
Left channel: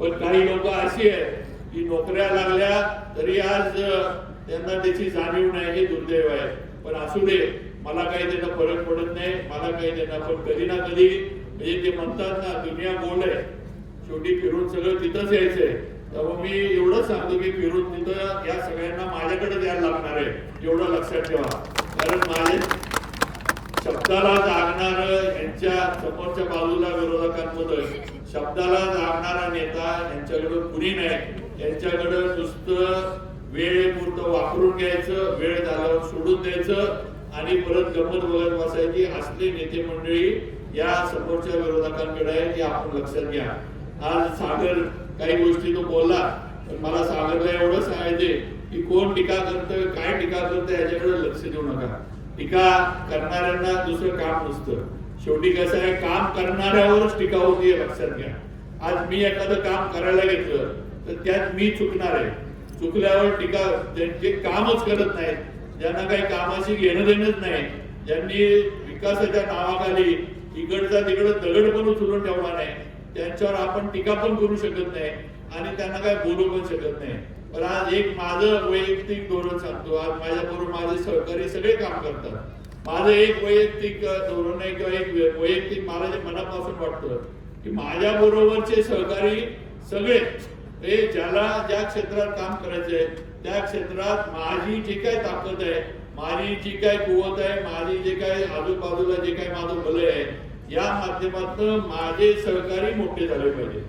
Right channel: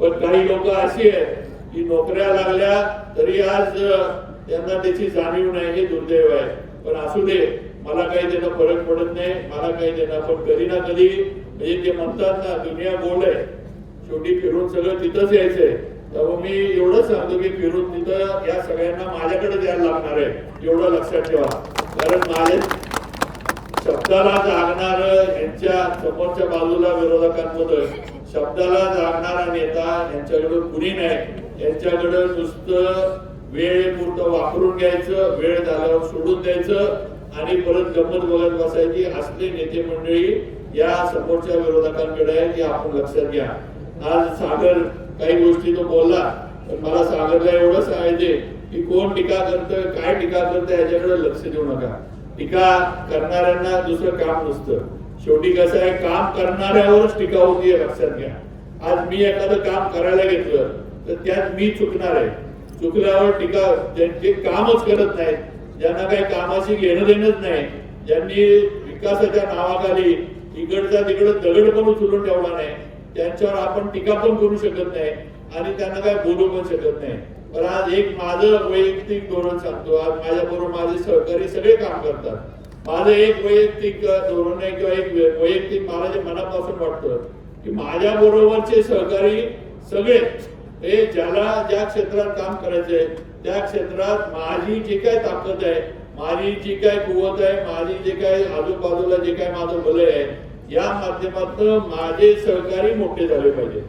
पण काही लोक अशी आहेत की नोकऱ्या लागल्या तरी आज त्यांना त्याची जाणीव नाही, हे दुर्दैव आहे. पण असू दे, मला काही त्याचा फरक पडत नाही, मला काही देणार. पण कधी ना कधी म्हणजे ते म्हणतात ना, दुनिया गोल आहे, शेवटी फिरून सगळं तिथंच यायचंय. तेव्हा मी एवढंच सांगतो की फिरून तिथं या सगळ्यांना माझ्याकडे द्यायला लागणार आहे, एवढं लक्षात ठेवा. कारण माझे शब्दाला जागणार, यांच्या समोरच्या बाजूला विरोधकांमध्ये शब्दाला जागणारा नेता यांच्याकडे कुणी नाही. यांच्याकडे नुसतं वेळेपुरतं वापरून घ्यायचं, वेळ झाल्यावर सोडून द्यायचं आणि परत गंमत बघत बसायची. असले नेते मंडळी या समोरच्या विरोधकांकडे आहे, हे आपण लक्षात घ्या. आज सागर काही गोष्टी तो बोलला, पण मला सागरला एवढं सांगायचे की कोण टीका करतोय, काय टीका करतोय याच्याकडे लक्ष देऊ नका. टीका करणाऱ्यांना दुसरं काम नसतं. शेवटी कसं आहे, काम करणाऱ्यावरच टीका होती हे लक्षात घ्या. आज मी एखादं काम करायला घेतलं तर त्यात मी चुकणार आहे. चुकल्यावर टीका, जे कामच करत नाहीत, ज्यांना काही कामाशी घेणं देणंच नाही, ज्यांनी विकासाच्या नावाखाली इकडचा तिकडं दगड पण उचलून ठेवला नाही, त्यांच्यावर आपण टीका पण करू शकत नाही आणि त्यांना काय बोलू पण शकत नाही. पण आज एक माझं वैयक्तिक धोरण सांगतो. आज माझ्याबरोबर माझे सहकारी सगळे काम करतात. माझं एक वैयक्तिक धोरण आहे किंवा एक वैयक्तिक मला जे मनापासून वाटतं की माझ्या बरोबरचे सहकारी सगळे हे ज्याला ज्या क्षेत्रात काम करायचंय त्या क्षेत्रात माझी जी काय ताकद आहे, माझी जी काय कुवत आहे, माझी जे काय आजूबाजूला जे काय माझं बलय आहे, या माध्यमातून माझे सहकारी मोठे झाले पाहिजे.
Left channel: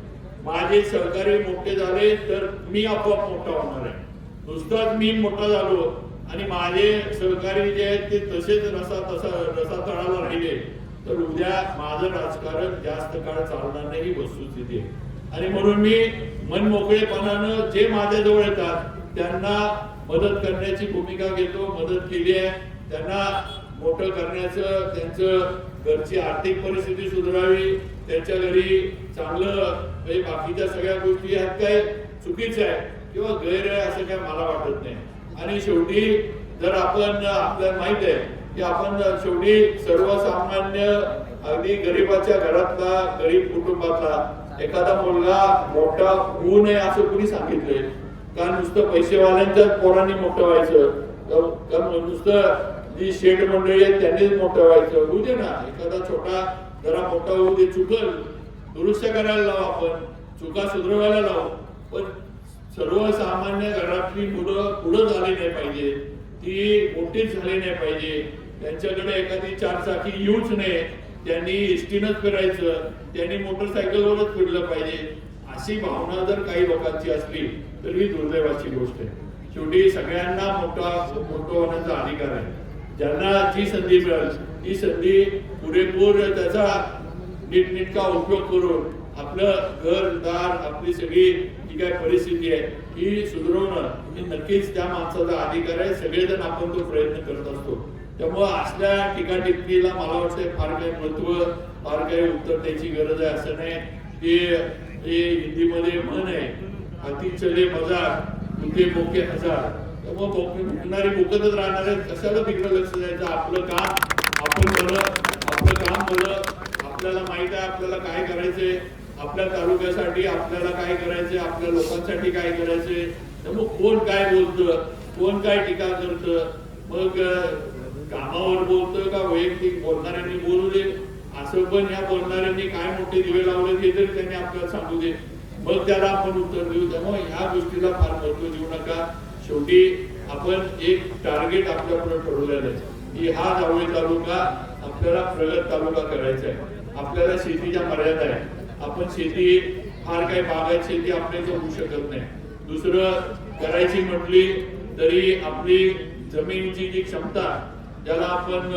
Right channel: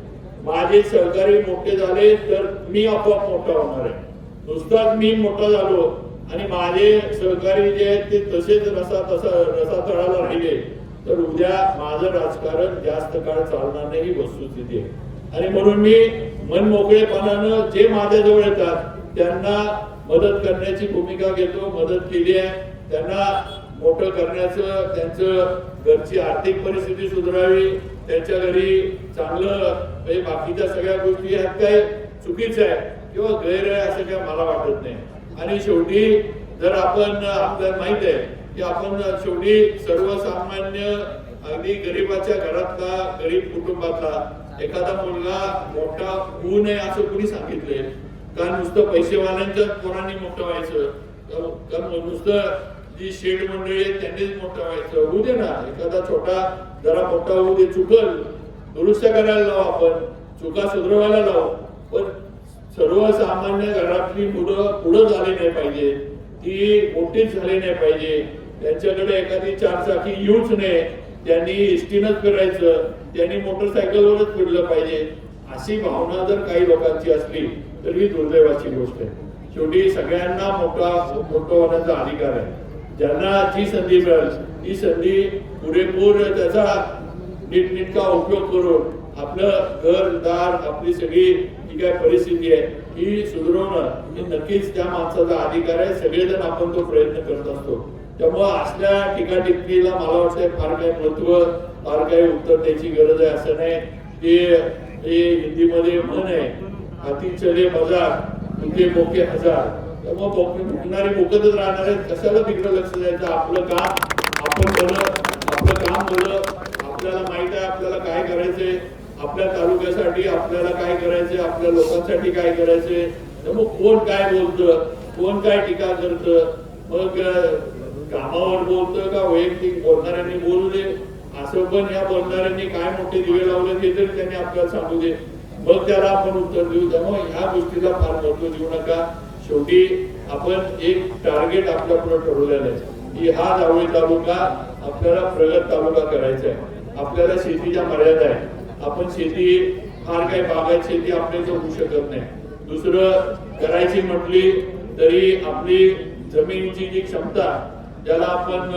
माझे सहकारी मोठे झाले तर मी आपोआप मोठा होणार आहे. नुसताच मी मोठा झालो आणि माझे सहकारी जे आहेत ते तसेच रसा तळाला राहिले तर उद्या माझं राजकारण जास्त काळ चालणार नाही, ही वस्तुस्थिती आहे. आणि म्हणून मी मन मोकळेपणानं जे माझ्याजवळ येतात त्यांना मदत करण्याची भूमिका घेतो. मदत केली आहे, त्यांना मोठं करण्याचं, त्यांचं घरची आर्थिक परिस्थिती सुधारावी, त्यांच्या घरी चांगलं बाकीच्या सगळ्या गोष्टी ह्यात काय चुकीचं आहे किंवा गैर आहे असं काय मला वाटत नाही. आणि शेवटी जर आपण, आपल्याला माहित आहे की आपण शेवटी सर्वसामान्य अगदी गरीबाच्या घरातला, गरीब कुटुंबातला एखादा मुलगा मोठा होऊ नये असं कुणी सांगितलंय का? नुसतं पैसेवाल्यांच्याच पोरांनी मोठं व्हायचं का? नुसतं जी शेठ मंडळी आहेत त्यांनीच मोठं व्हायचं? होऊ दे ना, एखादा छोटा जरा मोठा होऊ दे, चुकल दुरुस्त करायला लाव, आपण चुका सुधारवायला लाव. पण सर्वसामान्य घरातली मुलं पुढं झाली नाही पाहिजे, ती मोठीच झाली नाही पाहिजे, त्यांच्याकडे एखादी 4 चाकी येऊच नये, त्यांनी एसटीनच करायचं, त्यांनी मोटरसायकलवरच फिरलं पाहिजे, अशी भावना जर काही लोकांची असली तर ही दुर्दैवाची गोष्ट आहे. शेवटी सगळ्यांना मोठं होण्याचा अधिकार आहे. ज्यांना जी संधी मिळेल ती संधी पुरेपूर त्याचा नीटनेटका उपयोग करून आपलं घरदार, आपली सगळी ही काय परिस्थिती आहे ही सुधारवणं हे नक्कीच त्या माणसाचा अधिकार आहे. सगळेजण आपण तो प्रयत्न करत असतो. त्यामुळे असल्या टीकाटिप्पणीला मला वाटतं फार काही महत्व फार काही उत्तर द्यायची गरज आहे असं नाही. ते हिंदीमध्ये म्हण आहे, हाती चले मजार तुझे मोके हजार. त्यामुळे मुकणारी मुकतच राहणार आहेत. कशाला तिकडे लक्ष द्यायचं. आपलं काम आपण भलं, आपलं काम भलं. आपल्याला माहित आहे आपल्याला काय करायचंय, आपल्या तालुक्यासाठी आपल्याला काय करायचंय, आपल्या लोकांसाठी काय करायचंय. त्यामुळे कोण काय बोलतं, कोण काय टीका करतं, मग कामावर बोलतं का वैयक्तिक बोलणाऱ्यांनी बोलू दे. असं पण या बोलणाऱ्यांनी काय मोठे दिवे लावले ते तरी त्यांनी आपल्याला सांगू दे, मग त्याला आपण उत्तर देऊ. त्यामुळे ह्या गोष्टीला फार महत्व देऊ नका. शेवटी आपण एक टार्गेट आपल्यापुढे ठरवलेलं आहे की हा जावळी तालुका आपल्याला प्रगत तालुका करायचा आहे. आपल्याला शेतीच्या मर्यादा आहे. आपण शेती फार काही बागायत शेती आपल्याला होऊ शकत नाही. दुसरं करायची म्हटली तरी आपली जमिनीची जी क्षमता ज्याला आपण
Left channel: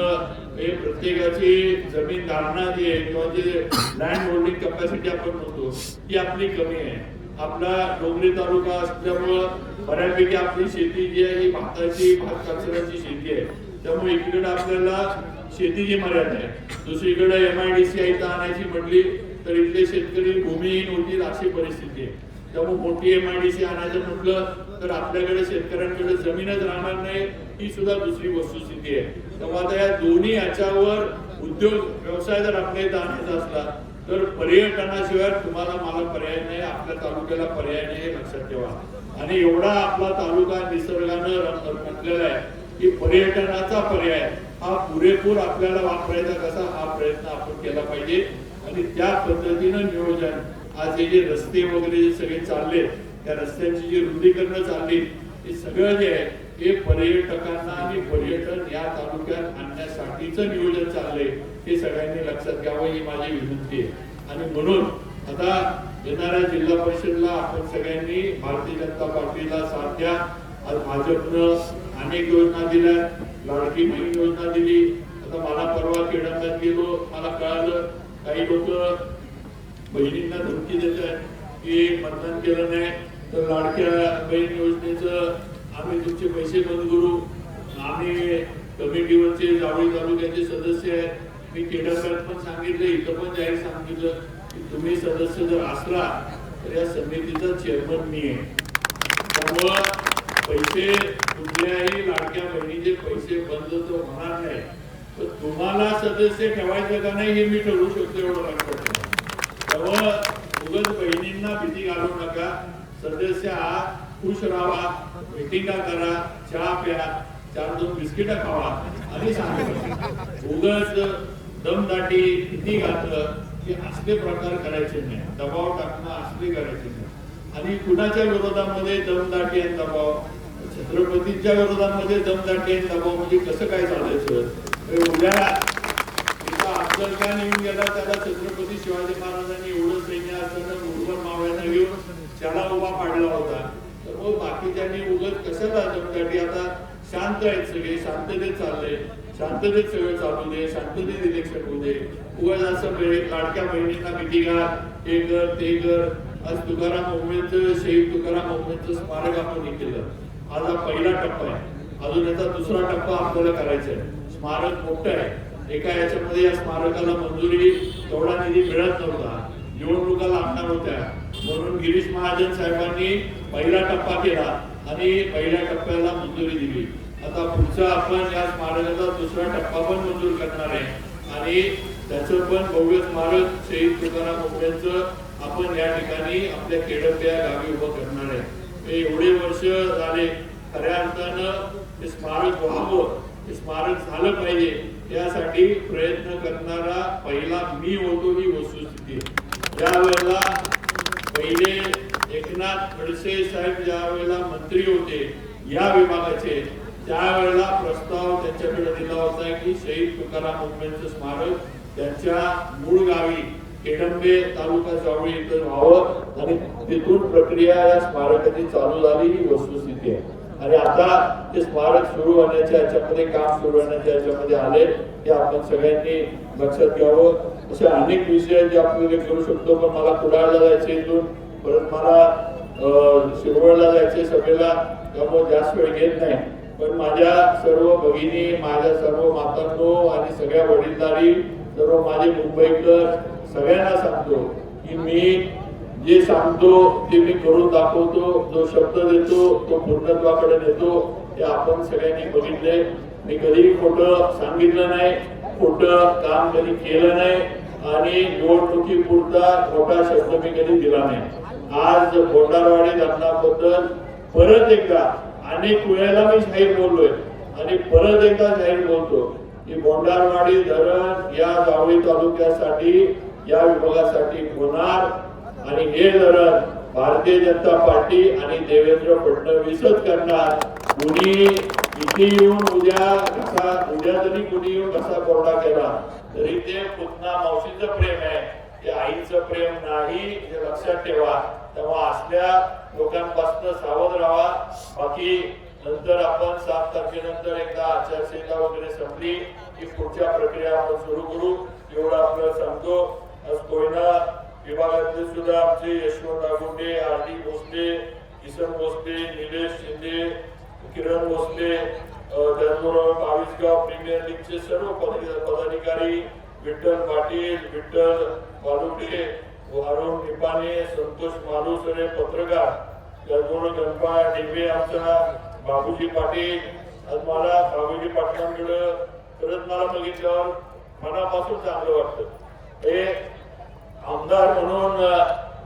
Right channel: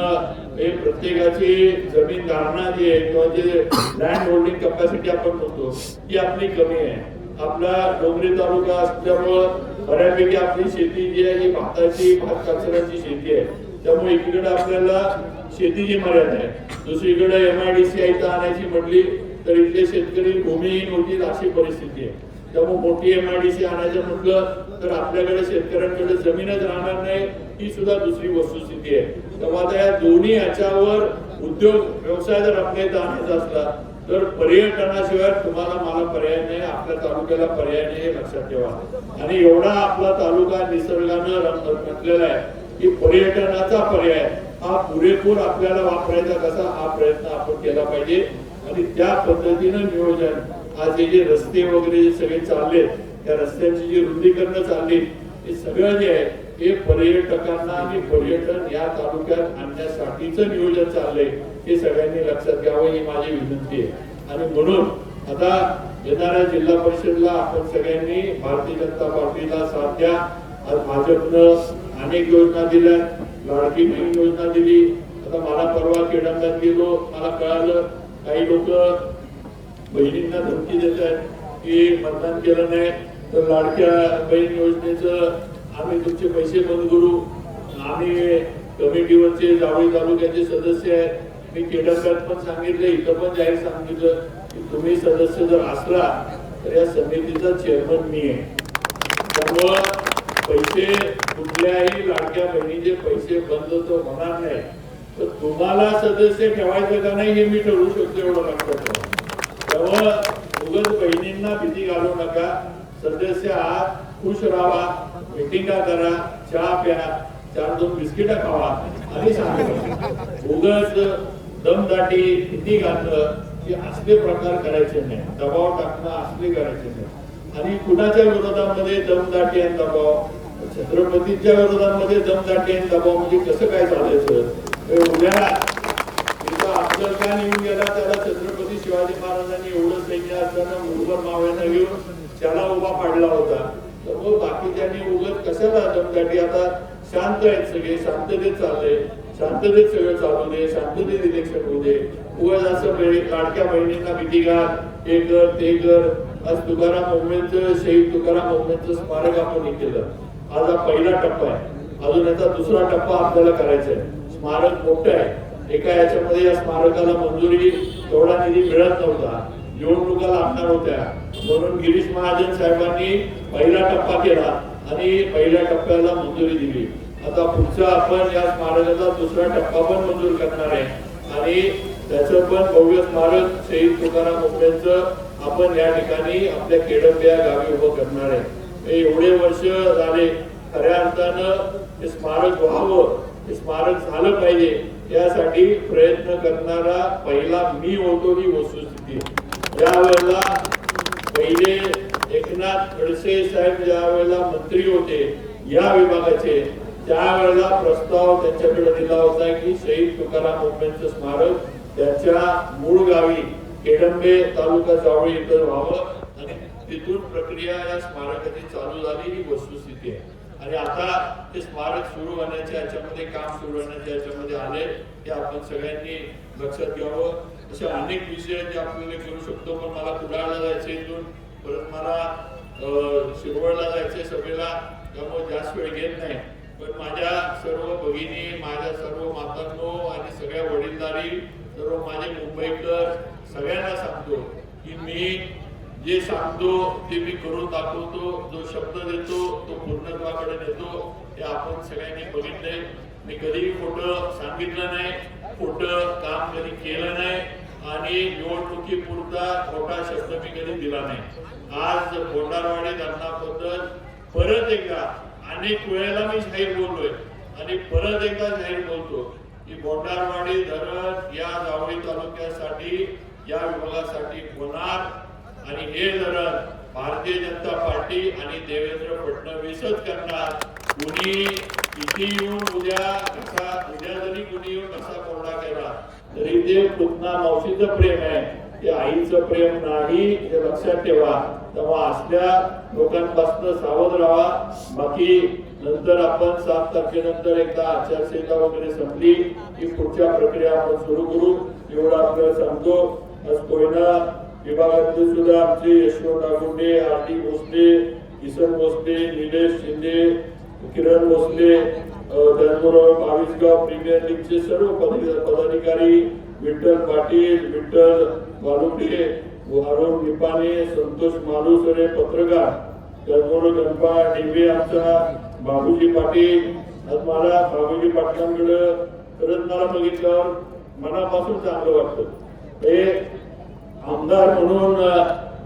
प्रत्येकाची जमीन धारणा जी आहे किंवा जे लँड होल्डिंग कॅपॅसिटी आपण म्हणतो ती आपली कमी आहे. आपला डोंगरी तालुका असल्यामुळं बऱ्यापैकी आपली शेती जी आहे ही भाताची भात कापसाची शेती आहे. त्यामुळे इकडे आपल्याला शेतीची मर्यादा आहे. दुसरीकडे MIDC इथं आणायची म्हटली तर इथले शेतकरी भूमिहीन होतील अशी परिस्थिती आहे. त्यामुळे मोठी MIDC आणायचं म्हटलं तर आपल्याकडे शेतकऱ्यांकडे जमीनच राहणार नाही. ही सुद्धा दुसरी वस्तुस्थिती आहे. त्यामुळे आता या दोन्ही याच्यावर उद्योग व्यवसाय जर आपल्या इथं आणायचा असला तर पर्यटनाशिवाय तुम्हाला मला पर्याय नाही, आपल्या तालुक्याला पर्याय नाही हे लक्षात ठेवा. आणि एवढा आपला तालुका निसर्गानं रंगलेला आहे की पर्यटनाचा पर्याय हा पुरेपूर आपल्याला वापरायचा कसा हा प्रयत्न आपण केला पाहिजे. आणि त्या पद्धतीनं नियोजन आज हे जे रस्ते वगैरे जे सगळे चालले त्या रस्त्यांची जी रुंदीकरण चालली हे सगळं जे आहे हे पर्यटकांना आणि पर्यटन या तालुक्यात आणण्यासाठीच नियोजन चाललंय हे सगळ्यांनी लक्षात घ्यावं ही माझी विनंती आहे. आणि म्हणून आता येणाऱ्या जिल्हा परिषदला आपण सगळ्यांनी भारतीय जनता पार्टीला साथ द्या. आज भाजपनं अनेक योजना दिल्या, लाडकी बहीण योजना दिली. आता मला परवा केडंब्यात गेलो, मला कळालं काही लोक बहिणींना धमकी देत आहेत की मतदान केलं नाही तर लाडक्या बहीण योजनेचं आम्ही तुमचे पैसे बंद करू. आम्ही कमिटीवरचे जावळी तालुक्याचे सदस्य आहेत. मी केडंब्यात पण सांगितलं, इथं पण जाहीर सांगितलं की तुम्ही सदस्य जर असला तर या समितीचा चेअरमन मी आहे. त्यामुळं पैसे कुठल्याही लाडक्या बहिणीचे पैसे बंद तर होणार नाही. तर तुम्हाला सदस्य ठेवायचं का नाही हे मी ठरवू शकतो एवढं लक्षात ठेवा. त्यामुळं उगाच बहिणींना भीती घालू नका. सदस्य आहात, खुश राहा, मिटिंगा करा, चहा प्या, 4-2 बिस्किट खावा आणि सांगा. उगाच दमदाटी भीती घातलं की असले प्रकार करायचे नाही, दबाव टाकणं असले करायचे नाही. आणि कुणाच्या विरोधामध्ये दमदाटी आणि दबाव, छत्रपतीच्या विरोधामध्ये दमदाटी आणि दबाव म्हणजे कसं काय चालायचं. उद्या अफजल खान येऊन गेला, त्याला छत्रपती शिवाजी महाराजांनी एवढं सैन्य असताना मुरबर मावळ्यांना घेऊन त्याला उभा पाडला होता. तर मग बाकीच्यांनी उगत कशाला दमदाटी. आता शांत आहेत सगळे, शांततेत चाललंय, शांततेत सगळं चालू दे, शांततेत इलेक्शन होऊ दे. उगाच असं लाडक्या बहिणींना भीती घाल, हे कर ते कर. आज तुकाराम ओंबळेंचं शहीद तुकाराम ओंबळेंचं स्मारक आपण हे केलं. आज हा पहिला टप्पा आहे, अजून याचा दुसरा टप्पा आपल्याला करायचा आहे. स्मारक मोठं आहे. एका याच्यामध्ये या स्मारकाला मंजुरी तेवढा निधी मिळत नव्हता, निवडणुका लागणार होत्या, म्हणून गिरीश महाजन साहेबांनी पहिला टप्पा केला आणि पहिल्या टप्प्याला मंजुरी दिली. आता पुढचा आपण या स्मारकाचा दुसरा टप्पा पण मंजूर करणार आहे आणि त्याचं पण भव्य स्मारक शहीद तुकाराम ओंबळेंचं आपण या ठिकाणी आपल्या केडंब्या गावी उभं करणार आहे. एवढे वर्ष झाले, खऱ्या अर्थानं हे स्मारक व्हावं, हे स्मारक झालं पाहिजे यासाठी प्रयत्न करणारा पहिला मी होतो ही वस्तुस्थिती. ज्या वेळेला पहिले एकनाथ खडसे साहेब ज्या वेळेला मंत्री होते या विभागाचे, त्यावेळेला प्रस्ताव त्यांच्याकडे दिला होता की शहीद तुकाराम ओंबळेंचं स्मारक त्यांच्या मूळ गावी केडंबे तालुका जावळी इथं व्हावं आणि तिथून प्रक्रिया या स्मारकाची चालू झाली ही वस्तुस्थिती आहे. आणि आता ते स्मारक सुरू होण्याच्या याच्यामध्ये काम सुरू होण्याच्या याच्यामध्ये आले ते आपण सगळ्यांनी लक्षात घ्यावं. असे अनेक विषय जे आपण करू शकतो, पण मला कुडाळला जायचं इथून, परत मला शिरवळला जायचे सभेला, त्यामुळे जास्त वेळ घेत नाही. पण माझ्या सर्व भगिनी, माझ्या सर्व मातांनो आणि सगळ्या वडीलधारी, सर्व माझे मुंबईकर सगळ्यांना सांगतो की मी जे सांगतो ते मी करून दाखवतो. जो शब्द देतो तो पूर्णत्वाकडे नेतो. हे आपण सगळ्यांनी बघितले. मी कधीही खोटं सांगितलं नाही, खोटं काम कधी केलं नाही आणि निवडणुकीपुरता खोटा शब्द मी कधी दिला नाही. आज बोंडारवाडी धरणाबद्दल परत एकदा अनेक वेळेला मी जाहीर बोललोय आणि परत एकदा जाहीर बोलतो की बोंडारवाडी धरण या जावळी तालुक्यासाठी, या विभागासाठी होणार आणि हे धरण भारतीय जनता पार्टी आणि देवेंद्र फडणवीसच करणार. कुणी इथे येऊन उद्या जरी कुणी येऊन कसा कोरडा केला तरी ते पुतना मावशीचं प्रेम आहे, ते आईचं प्रेम नाही, हे लक्षात ठेवा. तेव्हा असल्या लोकांपासून सावध राहा. बाकी नंतर आपण 7 तारखेनंतर एकदा आचारसंहिता वगैरे संपली की पुढच्या प्रक्रिया आपण सुरू करू, एवढं आपल्याला सांगतो. आज कोयना विभागातले सुद्धा आमचे यशवंत नागुंडे, आर.डी. भोसले, किसन भोसले, निलेश शिंदे, किरण भोसले, त्याचबरोबर 22गाव प्रीमियर लीगचे सर्व पदाधिकारी, विठ्ठल पाटील, विठ्ठल बालुडे, अरुण निपाणे, संतोष मालुसरे पत्रकार, त्याचबरोबर गणपा डिबे, आमचा बाबूजी पाटील. आज मला बाबूजी पाटलांकडे खरंच मला बघितल्यावर मनापासून चांगलं वाटतं. हे आमदार म्हणून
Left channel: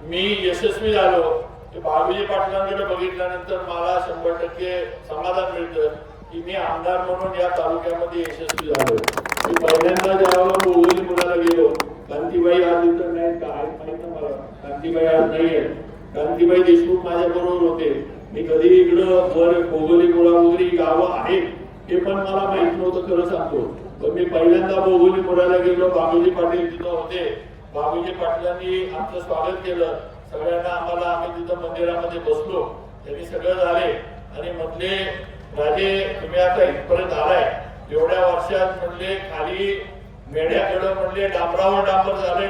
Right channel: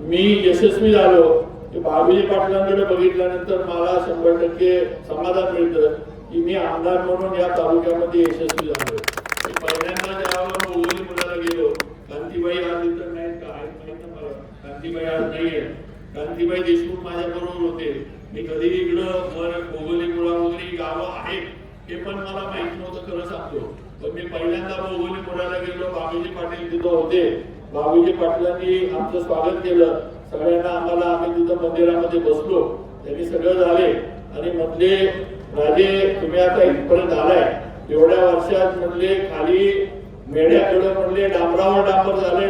मी यशस्वी झालो. बाबूजी पाटलांकडे बघितल्यानंतर मला 100% समाधान मिळतं की मी आमदार म्हणून या तालुक्यामध्ये यशस्वी झालो. मी पहिल्यांदा जेव्हा बोगोली मुलाला गेलो, कांतीबाई आज इतर नाही का माहित मला, कांतीबाई आज नाहीये, कांतीबाई देशमुख माझ्या बरोबर होते. मी कधी इकडं वर बोगोली मुळा वगैरे गावं आहेत हे पण मला माहित नव्हतं, खरं सांगतो. पण मी पहिल्यांदा बोगोली मुळाला गेलो, बाबूजी पाटील तिथं होते. बाबूजी पाटलांनी आमचं स्वागत केलं. सगळ्यांना आम्ही तिथं मंदिरामध्ये बसलो. त्यांनी सगळं झाले आणि म्हणले राजे तुम्ही आता इथपर्यंत आलाय, एवढ्या वर्षात म्हणले खाली मेढ्याकडे म्हणले डांबरावर डांबर झाले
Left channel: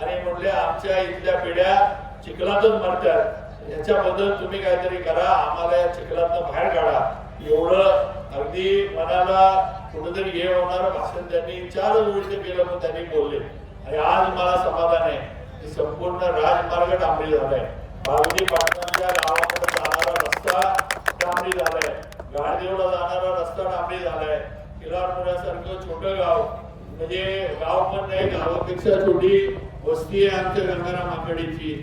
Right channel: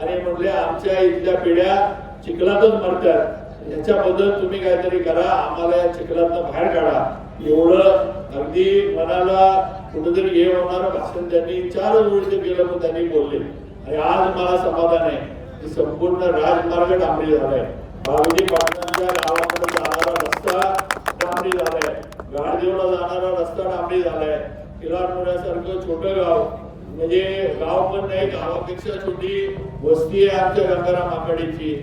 आणि म्हणले आमच्या इथल्या पिढ्या चिखलातच मरतात. याच्याबद्दल तुम्ही काहीतरी करा, आम्हाला या चिखलातनं बाहेर काढा. एवढं अगदी मनाला कुठेतरी हे होणारं भाषण त्यांनी 4 ओळीचे केलं पण त्यांनी बोलले. आणि आज मला समाधान आहे की संपूर्ण राजमार्ग डांबरी झालाय. बाबूजी पाटलांच्या गावाकडे जाणारा रस्ता डांबरी झालाय, गाडदेवला जाणारा रस्ता डांबरी झालाय. किलारमुळ्यासारखं छोटं गाव म्हणजे गाव पण नाही, गावापेक्षा छोटी वस्ती आहे आमच्या गंगाराम आखाडीची.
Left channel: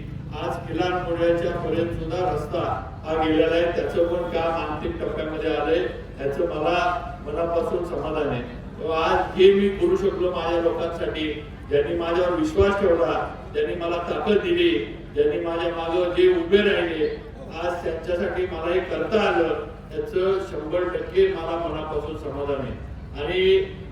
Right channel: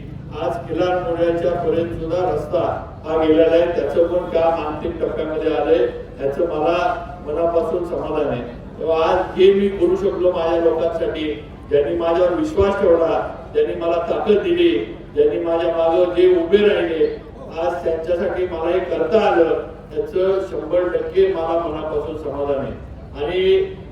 आज किलारमुळ्याच्या पर्यंत सुद्धा रस्ता हा गेलेला आहे. त्याचं पण काम अंतिम टप्प्यामध्ये आलंय. त्याचं मला मनापासून समाधान आहे. आज जे मी करू शकलो माझ्या लोकांसाठी, ज्यांनी माझ्यावर विश्वास ठेवला, ज्यांनी मला ताकद दिली, ज्यांनी माझ्या मागे जे उभे राहिले, आज त्यांच्यासाठी मला हे करता आलं, त्याचं 100% मला मनापासून समाधान आहे. आणि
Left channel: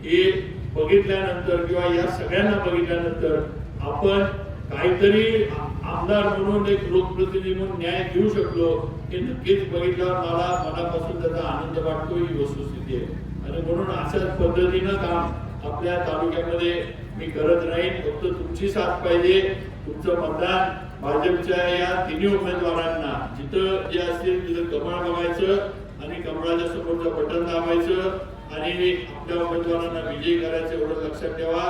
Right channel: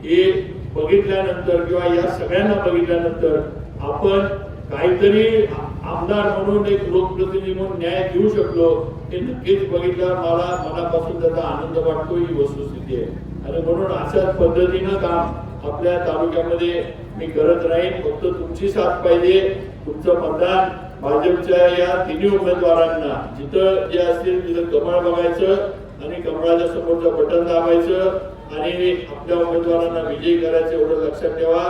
हे बघितल्यानंतर किंवा या सगळ्यांना बघितल्यानंतर आपण काहीतरी आमदार म्हणून एक लोकप्रतिनिधी म्हणून न्याय देऊ शकलो हे नक्कीच बघितल्यावर मला मनापासून त्याचा आनंद वाटतो, ही वस्तुस्थिती आहे. आणि म्हणून अशाच पद्धतीनं काम आपल्या तालुक्यामध्ये मी करत राहीन. फक्त तुमची साथ पाहिजे, तुमचं मतदान भाजपच्या या 3 उमेदवारांना जिथं जे असतील तिथं कमळ बघायचं आणि कमळाच्या समोरचं बटन दाबायचं आणि आपल्या उमेदवारांना विजयी करायचं, एवढं लक्षात ठेवा.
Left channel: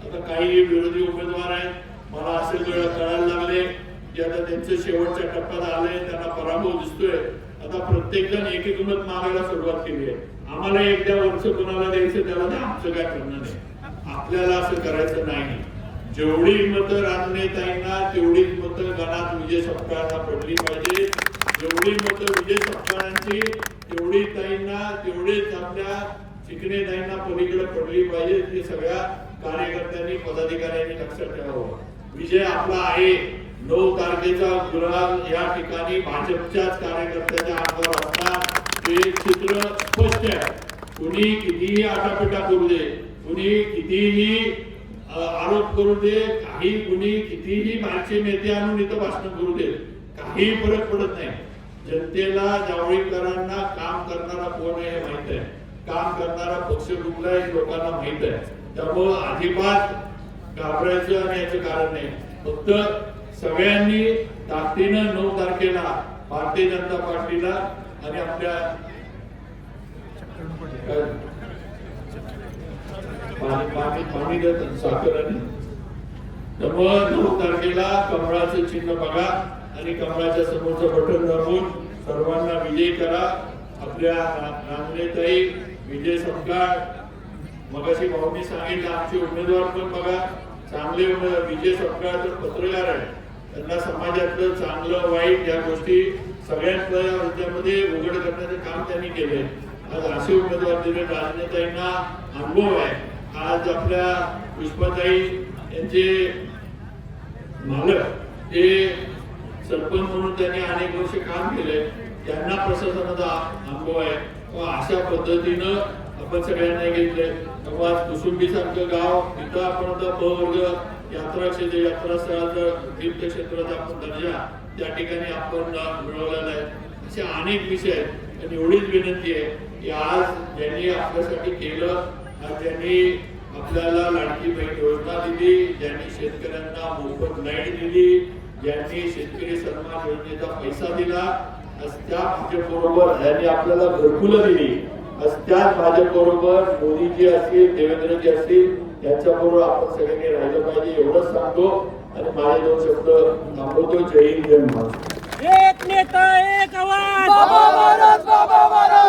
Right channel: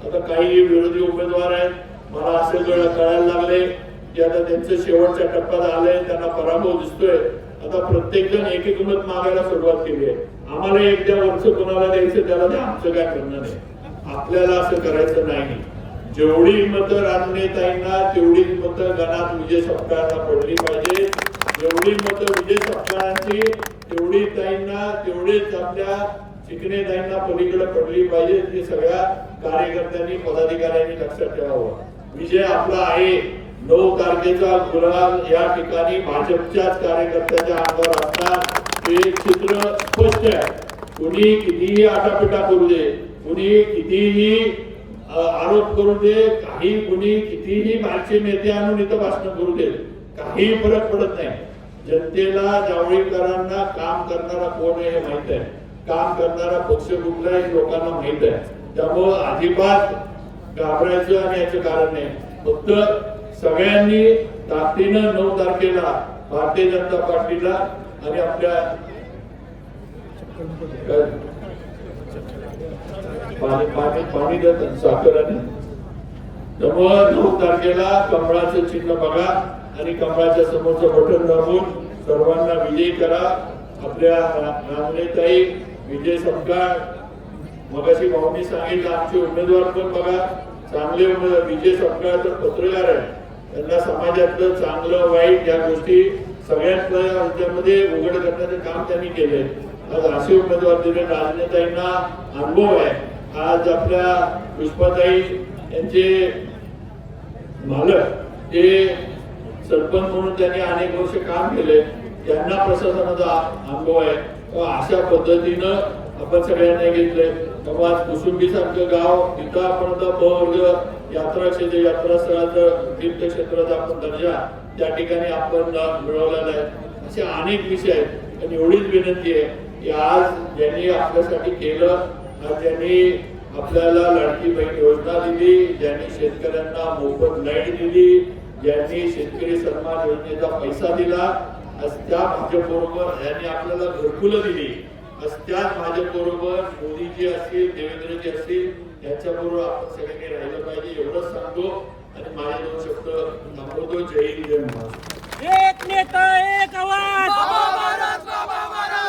आता काही विरोधी उमेदवार आहेत, मला असं कळायला लागले की आता त्यांचं शेवटच्या टप्प्यात आलंय, त्यांना पराभव दिसतोय. आता प्रत्येक जण एक मत मागायला सुरुवात केली आहे. आम्हाला एकदा वर्ष कोणाला द्यायचं त्याला ते आमचं काय करणार नाही. आपल्याला असं करायचं नाही. जेवढी मतं राजनेताईंना तेवढीच मतं गणात विजय सपकाळांना पडली पाहिजे. जेवढी मतं विजय सपकाळांची तेवढी ताईंना, तेवढेच आपल्या चिकणे ताईंना पलीकडे पडली पाहिजे. ते सगळ्या कार्यकर्त्यांनी, पदाधिकाऱ्यांनी लक्षात ठेवावं. विजय आपला आहे. 9 तारखेचा गुलाल या ठिकाणी भाजपच्याच कार्यकर्त्याच्या अंगावर असणार. हे चित्र स्पष्ट आहे. कुणी कितीही आटापिटा करू दे, कुणी कितीही आरोप करू दे, काही कुणी कितीही बाहेरचे नेते आणून इथं भाषण करू दे, काही फरक पडत नाही. जनतेला, जावळीकरांना काम करणारा कोण आहे हे माहित आहे. काम करणारा पक्ष कुठला आहे लोकांना माहित आहे. त्यामुळं अजिबात घाबरायचं आणि याचं कारण नाही. फक्त सगळ्यांनी ताकदीनं 9 तारखेला भारतीय जनता पार्टीला आणि आपल्या पाणी देत साखर आणि त्यामुळं 9 तारखेला कमळाचं चिन्ह बघा आणि कमळाच्या समोरचं बटन दाबून सर्वांना विजयी करा. आपल्या नामनेताई विजय सपकाळ मगाशी भाऊंनी सांगितलं आमचे उमेदवार पण बघा चांगले उमेदवार. विजय सपकाळ तर पत्रकार आहे, त्यांना समाजातलं चांगलं वाईट या गोष्टी सगळ्यांमध्ये उघड करण्याचं काम त्यांनी केलंय. आज असे उमेदवार दिले. राजनेताईंना अनुभव आहे. आज आपल्या पुष्पाताई यांचे मालक ते सरपंच म्हणून त्यांनी अनेक वर्ष काम केले, त्यांना प्रशासनाचा अनुभव आहे. अशा पद्धतीनं आपण सगळ्यांना घेतलंय. तेव्हा कुसुंबी सारखं गाव तिथं आपण आता वर्ग यात्रा क्षेत्र यात्रा स्थळाचं तीर्थक्षेत्राचा आपण दर्जा त्या ठिकाणी आपण मिळवलेला आहे. असे अनेक विषय आहेत आणि एवढीच विनंती आहे की आज ज्यांनी आपल्यासाठी केलं, आज ज्यांनी आपल्याला लाडकी बहीण योजना दिली, ज्यांनी शेतकऱ्यांना मोफत लाईट दिली, ज्यांनी शेतकरी सन्मान योजनेचा पैसा दिला, आज त्या भाजपबरोबर यांनी आपल्याला घरकुलं दिली, आज त्याच भाजपबरोबर मोदीजी असतील देवेंद्रजी असतील यांच्याबरोबर आपण सगळ्यांनी राहिलं पाहिजे एवढंच सांगतो आणि माझे 2 शब्द थांबवतो. जय हिंद जय महाराष्ट्र. एक नेता एक आवाज. बाबा महाराज, बाबा महाराज.